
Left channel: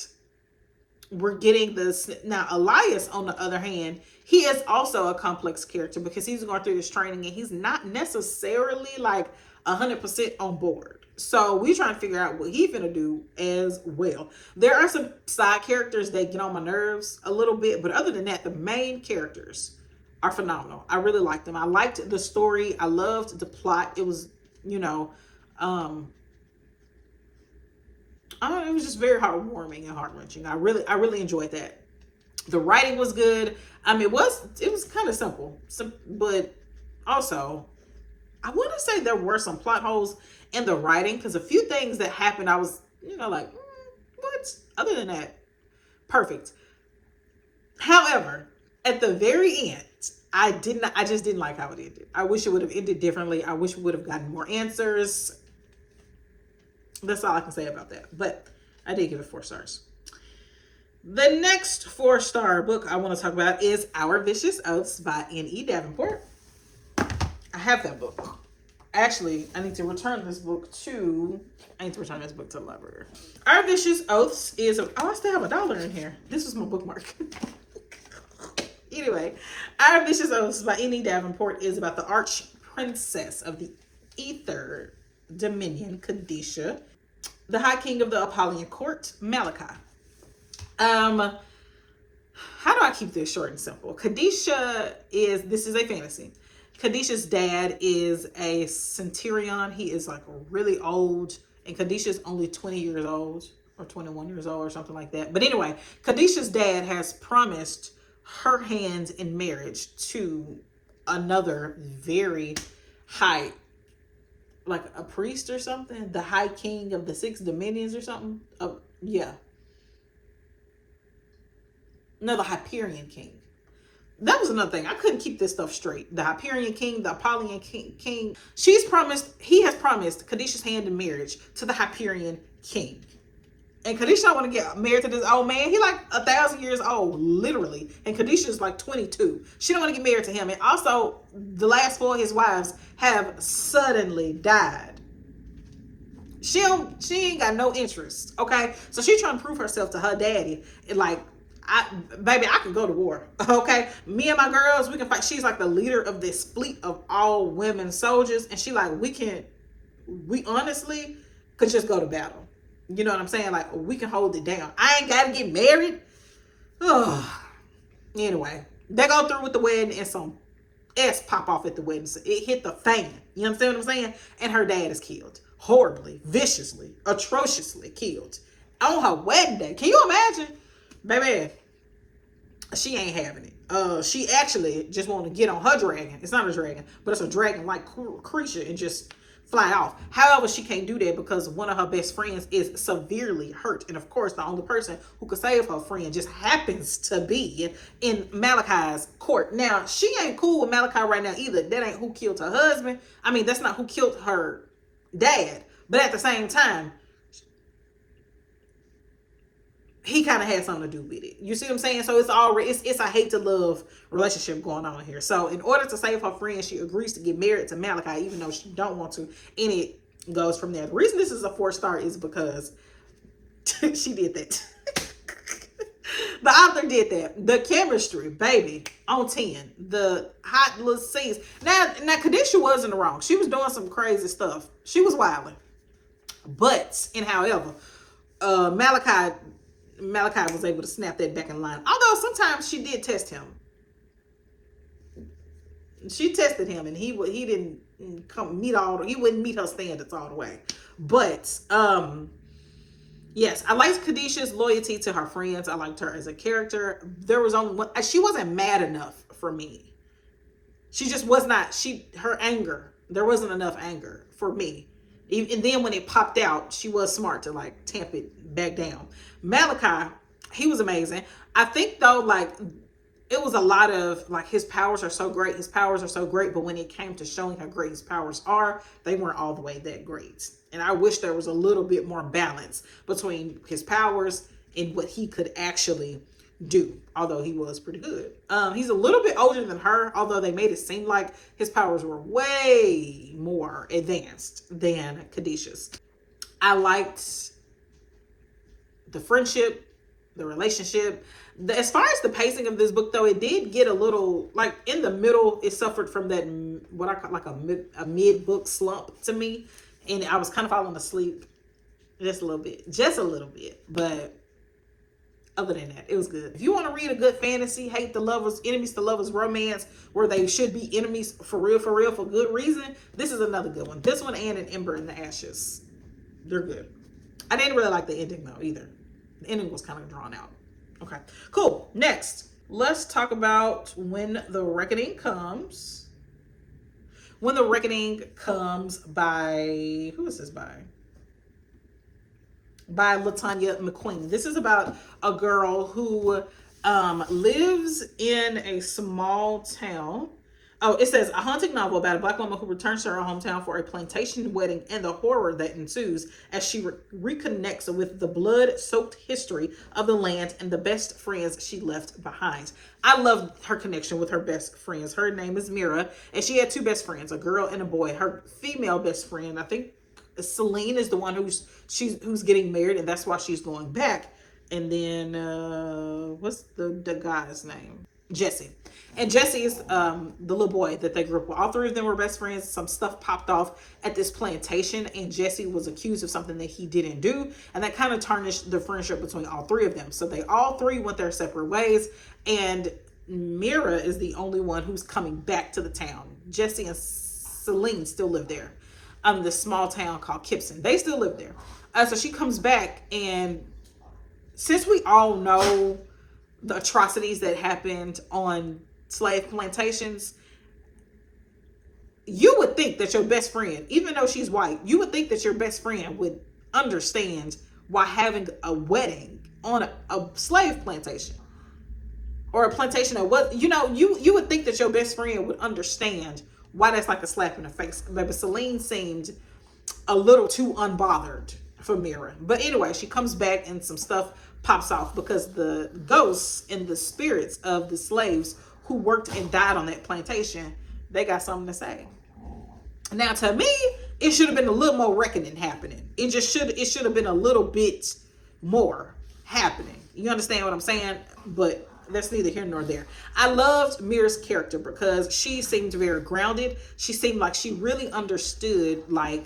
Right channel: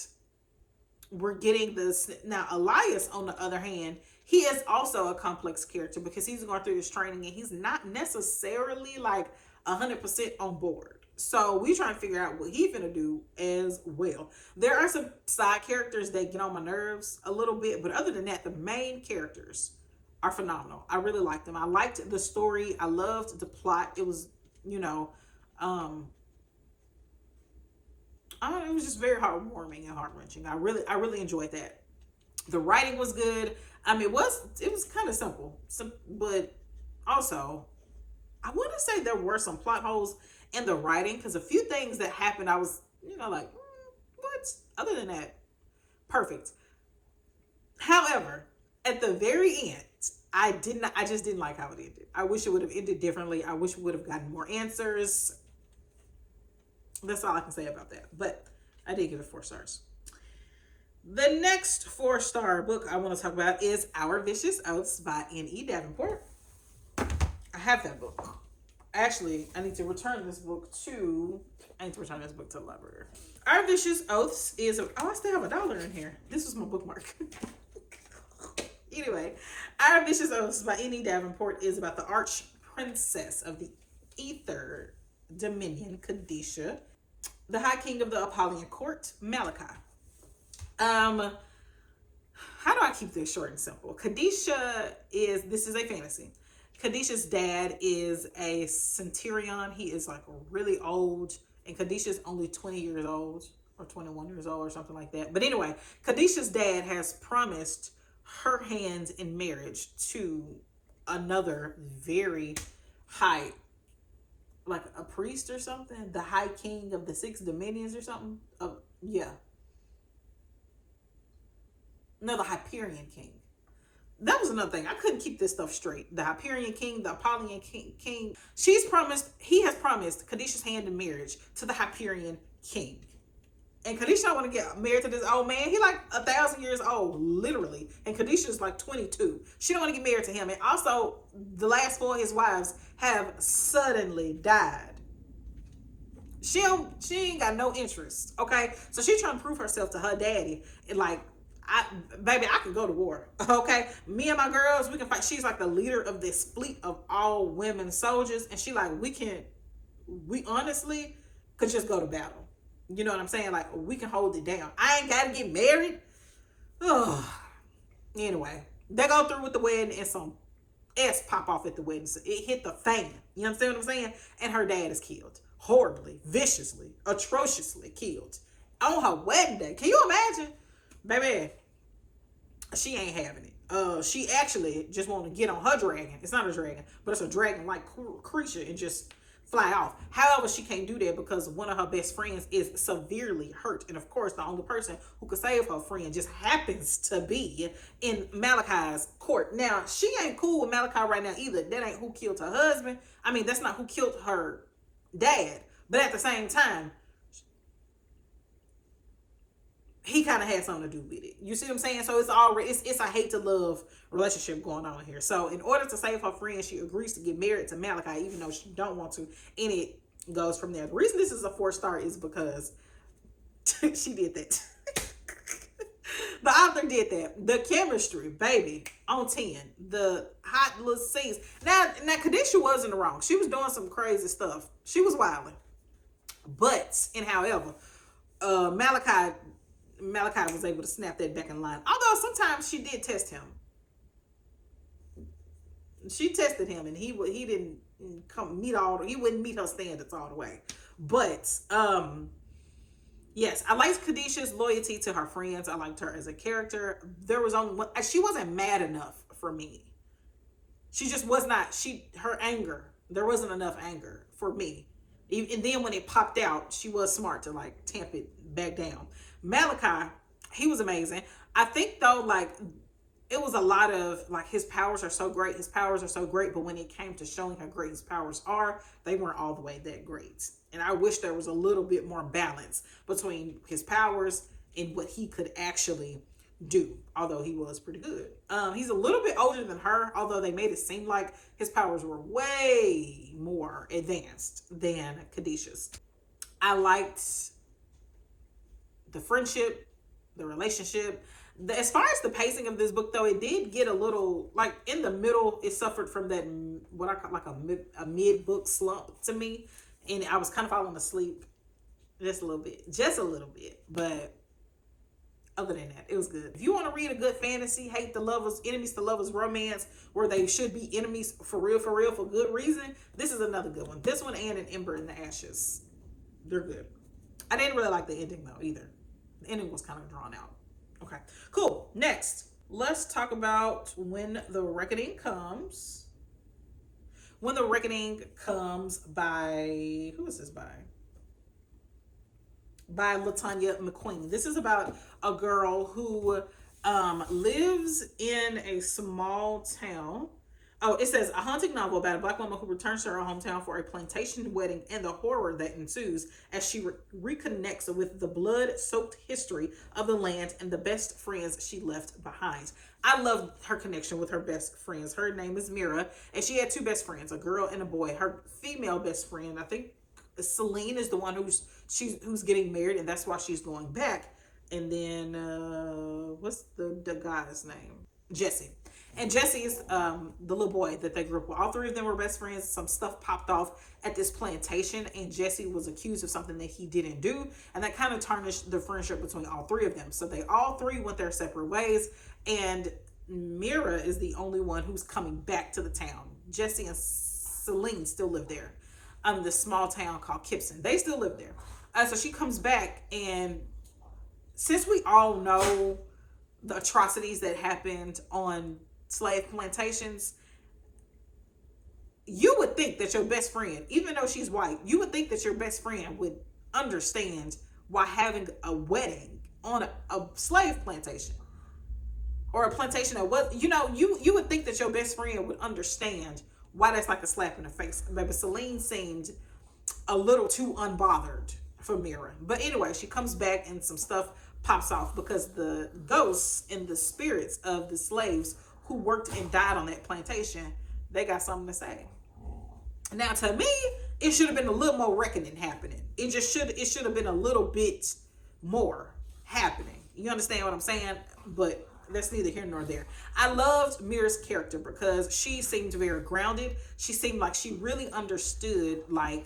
we're getting this. Now, Elias, on the other hand, he is also a complex character because he's going through this training and he's not necessarily like 100% on board. So we trying to figure out what he's gonna do as well. There are some side characters that get on my nerves a little bit, but other than that, the main characters are phenomenal. I really liked them. I liked the story. I loved the plot. It was, it was just very heartwarming and heart-wrenching. I really enjoyed that. The writing was good. It was kind of simple, but also I want to say there were some plot holes in the writing, because a few things that happened, I was, like, what? Other than that, perfect. However, at the very end, I just didn't like how it ended. I wish it would have ended differently. I wish we would have gotten more answers. That's all I can say about that. But I did give it 4 stars. The next 4-star book I want to talk about is Our Vicious Oaths by N.E. Davenport. I have that book. Actually, I need to return this book to the library. Our Vicious Oaths is I still have $1 in here. This was my bookmark. Anyway, Our Vicious Oaths by N.E. Davenport is about the arch princess of the Ether Dominion, Kechelle, the High King of the Apollyon Court, Malachi. How do I keep this short and simple? Kechelle this is a fantasy. Kechelle's dad is a centurion. He is like really old, and Kechelle's only 20 years old or 21 years old or something like that. But anyway, Kechelle's dad has promised her hand in marriage to another very high, like a priest or something, the High King of the 6 Dominions or something. Yeah. No, the Hyperion King. That was another thing. I couldn't keep this stuff straight. The Hyperion King, the Apollyon King. He has promised Kechelle's hand in marriage to the Hyperion King. And Kechelle want to get married to this old man. He like 1,000 years old, literally. And Kechelle's like 22. She don't want to get married to him. And also, the last 4 of his wives have suddenly died. She ain't got no interest, okay? So she's trying to prove herself to her daddy. And like, baby, I can go to war, okay? Me and my girls, we can fight. She's like the leader of this fleet of all women soldiers. And she like, we honestly could just go to battle. You know what I'm saying? Like, we can hold it down. I ain't got to get married. Oh. Anyway, they go through with the wedding and some S pop off at the wedding. So it hit the fan. You understand what I'm saying? And her dad is killed. Horribly, viciously, atrociously killed. On her wedding day. Can you imagine? Baby, she ain't having it. She actually just wanted to get on her dragon. It's not a dragon, but it's a dragon-like creature and just fly off. However, she can't do that because one of her best friends is severely hurt. And of course, the only person who could save her friend just happens to be in Malachi's court. Now, she ain't cool with Malachi right now either. That ain't who killed her husband. I mean, that's not who killed her dad. But at the same time, he kind of had something to do with it. You see what I'm saying? So it's already, it's a hate to love relationship going on here. So in order to save her friend, she agrees to get married to Malachi, even though she don't want to. And it goes from there. The reason this is a 4-star is because she did that. The author did that. The chemistry, baby, on 10. The hot little scenes. Now, Kadisha wasn't wrong. She was doing some crazy stuff. She was wilding. But, and however, Malachi was able to snap that back in line. Although sometimes she did test him. She tested him, and he didn't he wouldn't meet her standards all the way. But yes, I liked Kadisha's loyalty to her friends. I liked her as a character. There was only one. She wasn't mad enough for me. She just was not. Her anger. There wasn't enough anger for me. And then when it popped out, she was smart to like tamp it back down. Malachi, he was amazing. I think though, like, it was a lot of like, his powers are so great. His powers are so great. But when it came to showing how great his powers are, they weren't all the way that great. And I wish there was a little bit more balance between his powers and what he could actually do. Although he was pretty good. He's a little bit older than her. Although they made it seem like his powers were way more advanced than Kadisha's. I liked the friendship, the relationship. As far as the pacing of this book, though, it did get a little, like, in the middle, it suffered from that, what I call like a mid-book slump to me. And I was kind of falling asleep just a little bit. But other than that, it was good. If you want to read a good fantasy, hate the lovers, enemies to lovers romance, where they should be enemies for real, for good reason, this is another good one. This one and An Ember in the Ashes. They're good. I didn't really like the ending, though, either. The ending was kind of drawn out. Okay, cool. Next, let's talk about When the Reckoning Comes. When the Reckoning Comes by, who is this by? By LaTanya McQueen. This is about a girl who lives in a small town. Oh, it says, a haunting novel about a Black woman who returns to her hometown for a plantation wedding and the horror that ensues as she reconnects with the blood-soaked history of the land and the best friends she left behind. I love her connection with her best friends. Her name is Mira, and she had two best friends, a girl and a boy. Her female best friend, I think Celine, is the one who's getting married, and that's why she's going back. And then, what's the guy's name? Jesse. And Jesse is the little boy that they grew up with. All three of them were best friends. Some stuff popped off at this plantation, and Jesse was accused of something that he didn't do. And that kind of tarnished the friendship between all three of them. So they all three went their separate ways. And Mira is the only one who's coming back to the town. Jesse and Celine still live there. This small town called Kipson. They still live there. So she comes back, and since we all know the atrocities that happened on slave plantations, you would think that your best friend, even though she's white, you would think that your best friend would understand why having a wedding on a slave plantation or a plantation that was, you would think that your best friend would understand why that's like a slap in the face. Maybe Celine seemed a little too unbothered for Mira. But anyway, she comes back and some stuff pops off because the ghosts and the spirits of the slaves who worked and died on that plantation, they got something to say. Now, to me, it should have been a little more reckoning happening. It should have been a little bit more happening. You understand what I'm saying? But that's neither here nor there. I loved Mira's character because she seemed very grounded. She seemed like she really understood like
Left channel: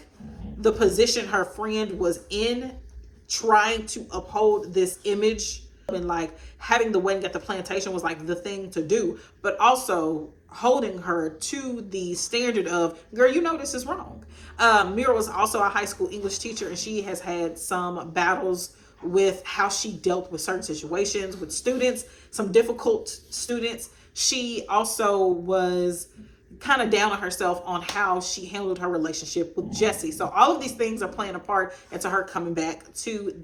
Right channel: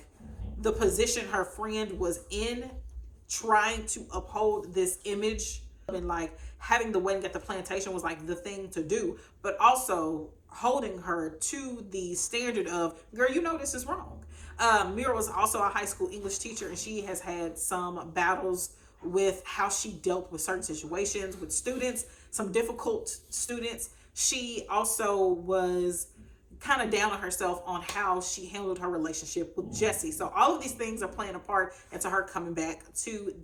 the position her friend was in, trying to uphold this image, and like having the wedding at the plantation was like the thing to do, but also holding her to the standard of, girl, this is wrong. Mira was also a high school English teacher, and she has had some battles with how she dealt with certain situations with students, some difficult students. She also was kind of down on herself on how she handled her relationship with Jesse. So all of these things are playing a part into her coming back to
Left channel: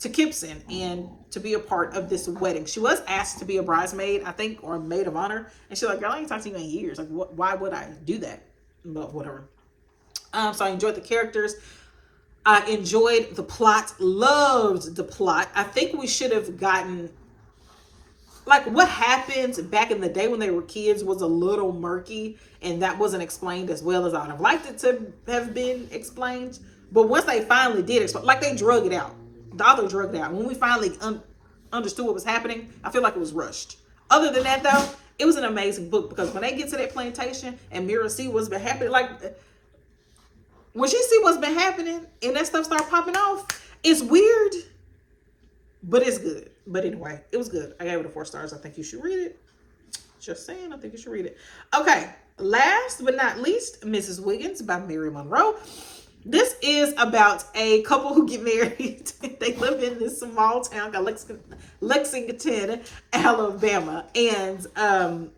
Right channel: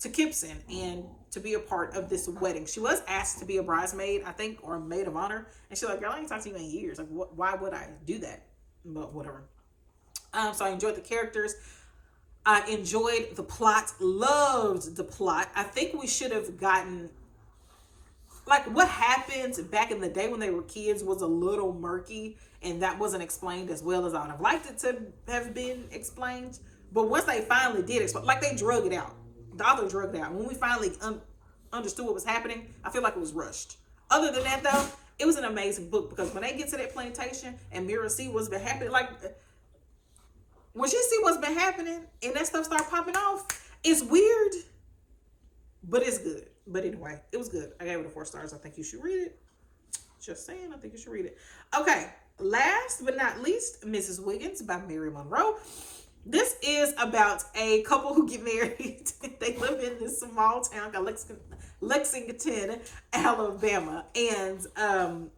Kipson and to be a part of this wedding. She was asked to be a bridesmaid, I think, or a maid of honor. And she's like, girl, I ain't talked to you in years. Like, why would I do that? But whatever. So I enjoyed the characters. I enjoyed the plot, loved the plot. I think we should have gotten, like, what happened back in the day when they were kids was a little murky, and that wasn't explained as well as I would have liked it to have been explained. But once they finally did explain, like, they drug it out. The author drug it out. When we finally understood what was happening. I feel like it was rushed. Other than that, though, it was an amazing book because when they get to that plantation and Mira see what's been happening, like when she see what's been happening and that stuff start popping off, it's weird, but it's good. But anyway, it was good. I gave it a 4 stars. I think you should read it. Just saying, I think you should read it. Okay, last but not least, Mrs. Wiggins by Mary Monroe. This is about a couple who get married. They live in this small town called Lexington, Alabama. And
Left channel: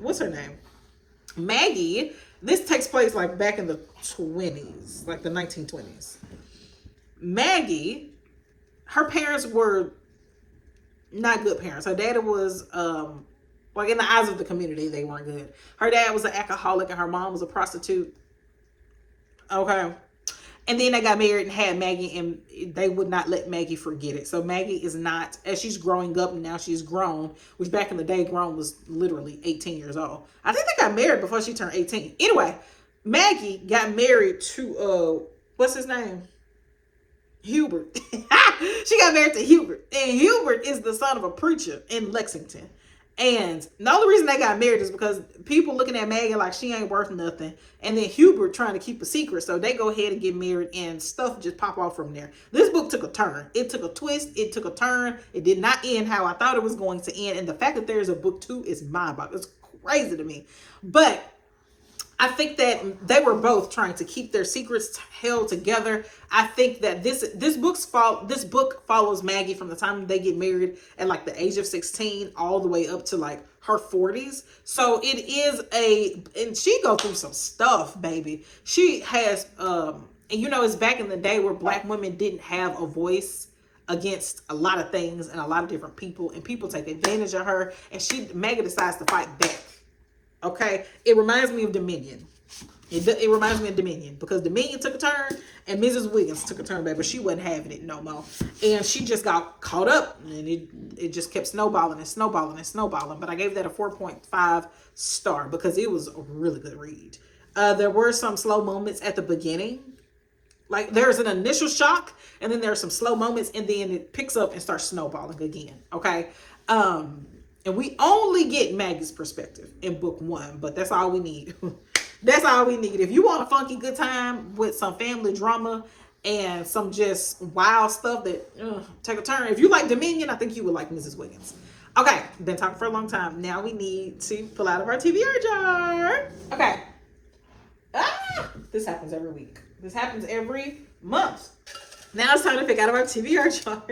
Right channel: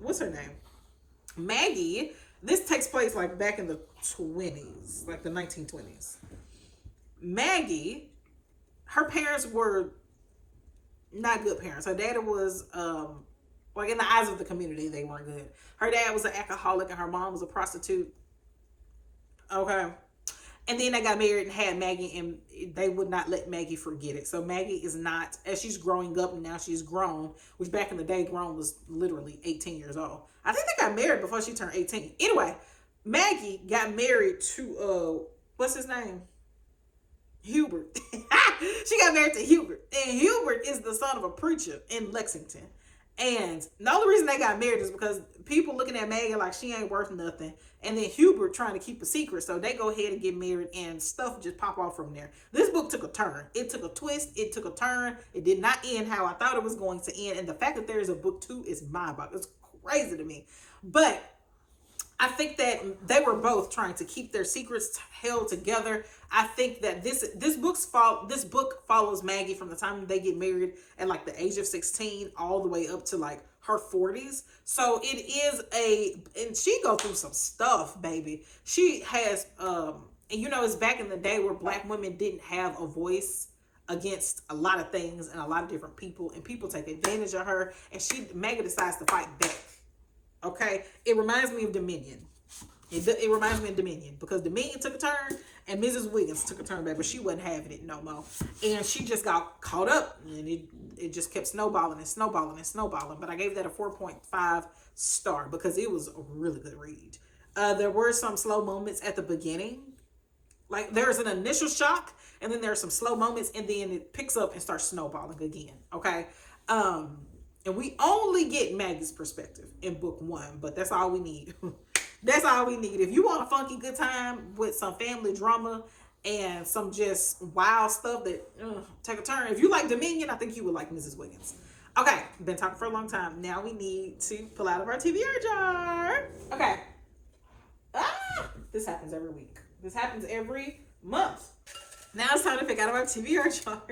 what's her name? Maggie. This takes place like back in the 20s, like the 1920s. Maggie, her parents were not good parents. Her dad was like in the eyes of the community, they weren't good. Her dad was an alcoholic and her mom was a prostitute. Okay. And then they got married and had Maggie, and they would not let Maggie forget it. So Maggie is not, as she's growing up, and now she's grown, which back in the day, grown was literally 18 years old. I think they got married before she turned 18. Anyway, Maggie got married to, what's his name? Hubert. She got married to Hubert. And Hubert is the son of a preacher in Lexington. And the only reason they got married is because people looking at Maggie like she ain't worth nothing. And then Hubert trying to keep a secret. So they go ahead and get married and stuff just pop off from there. This book took a turn. It took a twist. It took a turn. It did not end how I thought it was going to end. And the fact that there is a book 2 is mind-boggling. It's crazy to me. But I think that they were both trying to keep their secrets held together. I think that this book follows Maggie from the time they get married at like the age of 16 all the way up to like her 40s. So it is and she go through some stuff, baby. She has, and you know, it's back in the day where Black women didn't have a voice against a lot of things and a lot of different people, and people take advantage of her, and Maggie decides to fight back. Okay, it reminds me of Dominion. It reminds me of Dominion because Dominion took a turn and Mrs. Wiggins took a turn back, but she wasn't having it no more. And she just got caught up and it just kept snowballing and snowballing and snowballing. But I gave that a 4.5 star because it was a really good read. There were some slow moments at the beginning. Like there's an initial shock and then there's some slow moments and then it picks up and starts snowballing again. Okay. And we only get Maggie's perspective in book 1, but that's all we need. That's all we need. If you want a funky good time with some family drama and some just wild stuff that take a turn. If you like Dominion, I think you would like Mrs. Wiggins. Okay, been talking for a long time. Now we need to pull out of our TBR jar. Okay. This happens every week. This happens every month. Now it's time to pick out of our TBR jar.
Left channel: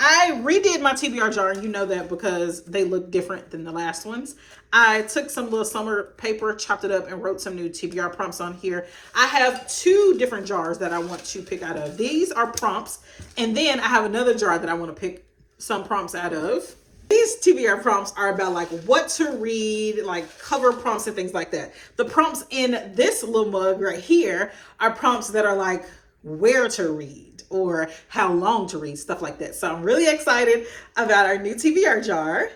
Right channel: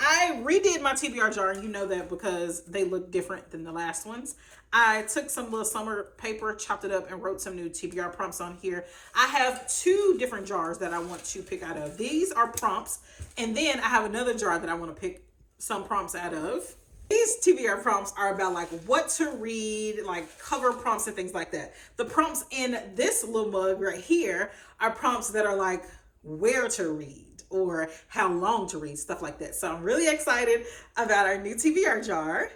I redid my TBR jar, and you know that because they look different than the last ones. I took some little summer paper, chopped it up, and wrote some new TBR prompts on here. I have 2 different jars that I want to pick out of. These are prompts, and then I have another jar that I want to pick some prompts out of. These TBR prompts are about like what to read, like cover prompts and things like that. The prompts in this little mug right here are prompts that are like where to read or how long to read, stuff like that. So I'm really excited about our new TBR jar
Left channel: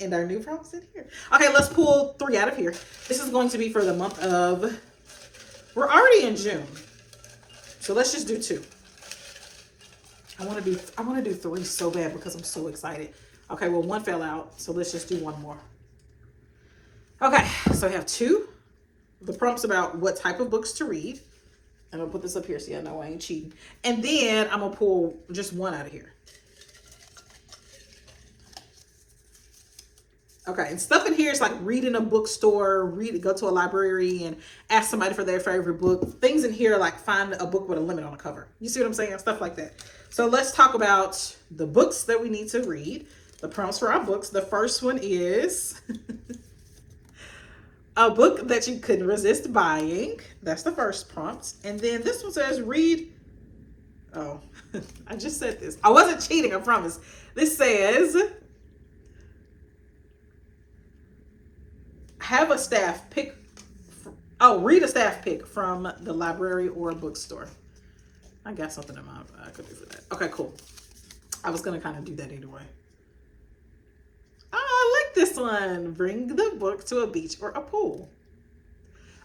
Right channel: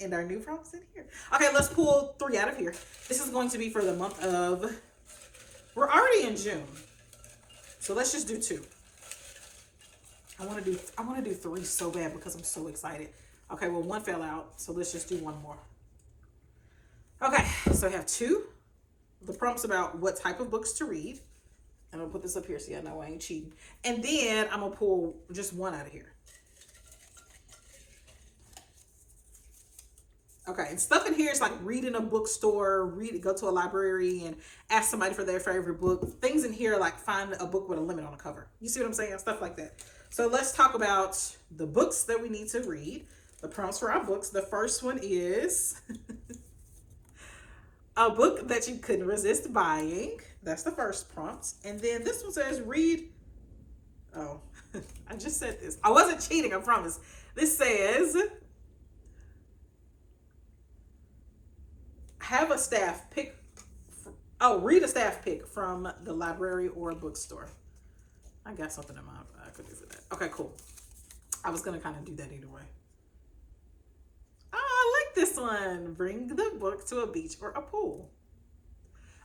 and our new prompts in here. Okay, let's pull 3 out of here. This is going to be for the month of, we're already in June. So let's just do 2. I want to do 3 so bad because I'm so excited. Okay, well 1 fell out, so let's just do 1 more. Okay, so I have 2. The prompts about what type of books to read. I'm gonna put this up here so y'all know I ain't cheating. And then I'm gonna pull just 1 out of here. Okay, and stuff in here is like read in a bookstore, go to a library and ask somebody for their favorite book. Things in here like find a book with a limit on the cover. You see what I'm saying? Stuff like that. So let's talk about the books that we need to read. The prompts for our books. The first one is a book that you couldn't resist buying. That's the first prompt. And then this one says read. Oh, I just said this. I wasn't cheating, I promise. This says have a staff pick. Read a staff pick from the library or bookstore. I got something in mind I could do for that. Okay, cool. I was gonna kind of do that anyway. Oh, I like this one. Bring the book to a beach or a pool.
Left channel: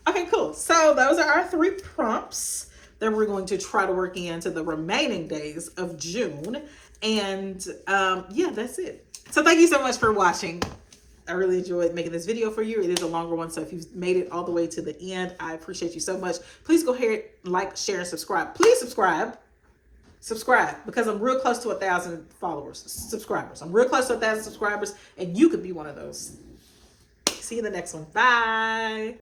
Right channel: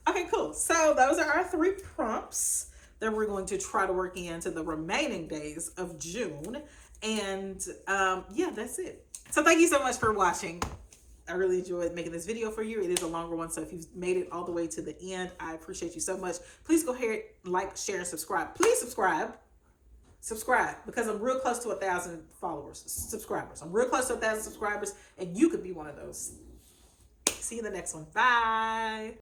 Okay, cool. So those are our 3 prompts that we're going to try to work into the remaining days of June. And yeah, that's it. So thank you so much for watching. I really enjoyed making this video for you. It is a longer one, so if you've made it all the way to the end, I appreciate you so much. Please go ahead, like, share, and subscribe. Please subscribe. Subscribe, because I'm real close to 1,000 subscribers. I'm real close to 1,000 subscribers, and you could be one of those. See you in the next one. Bye.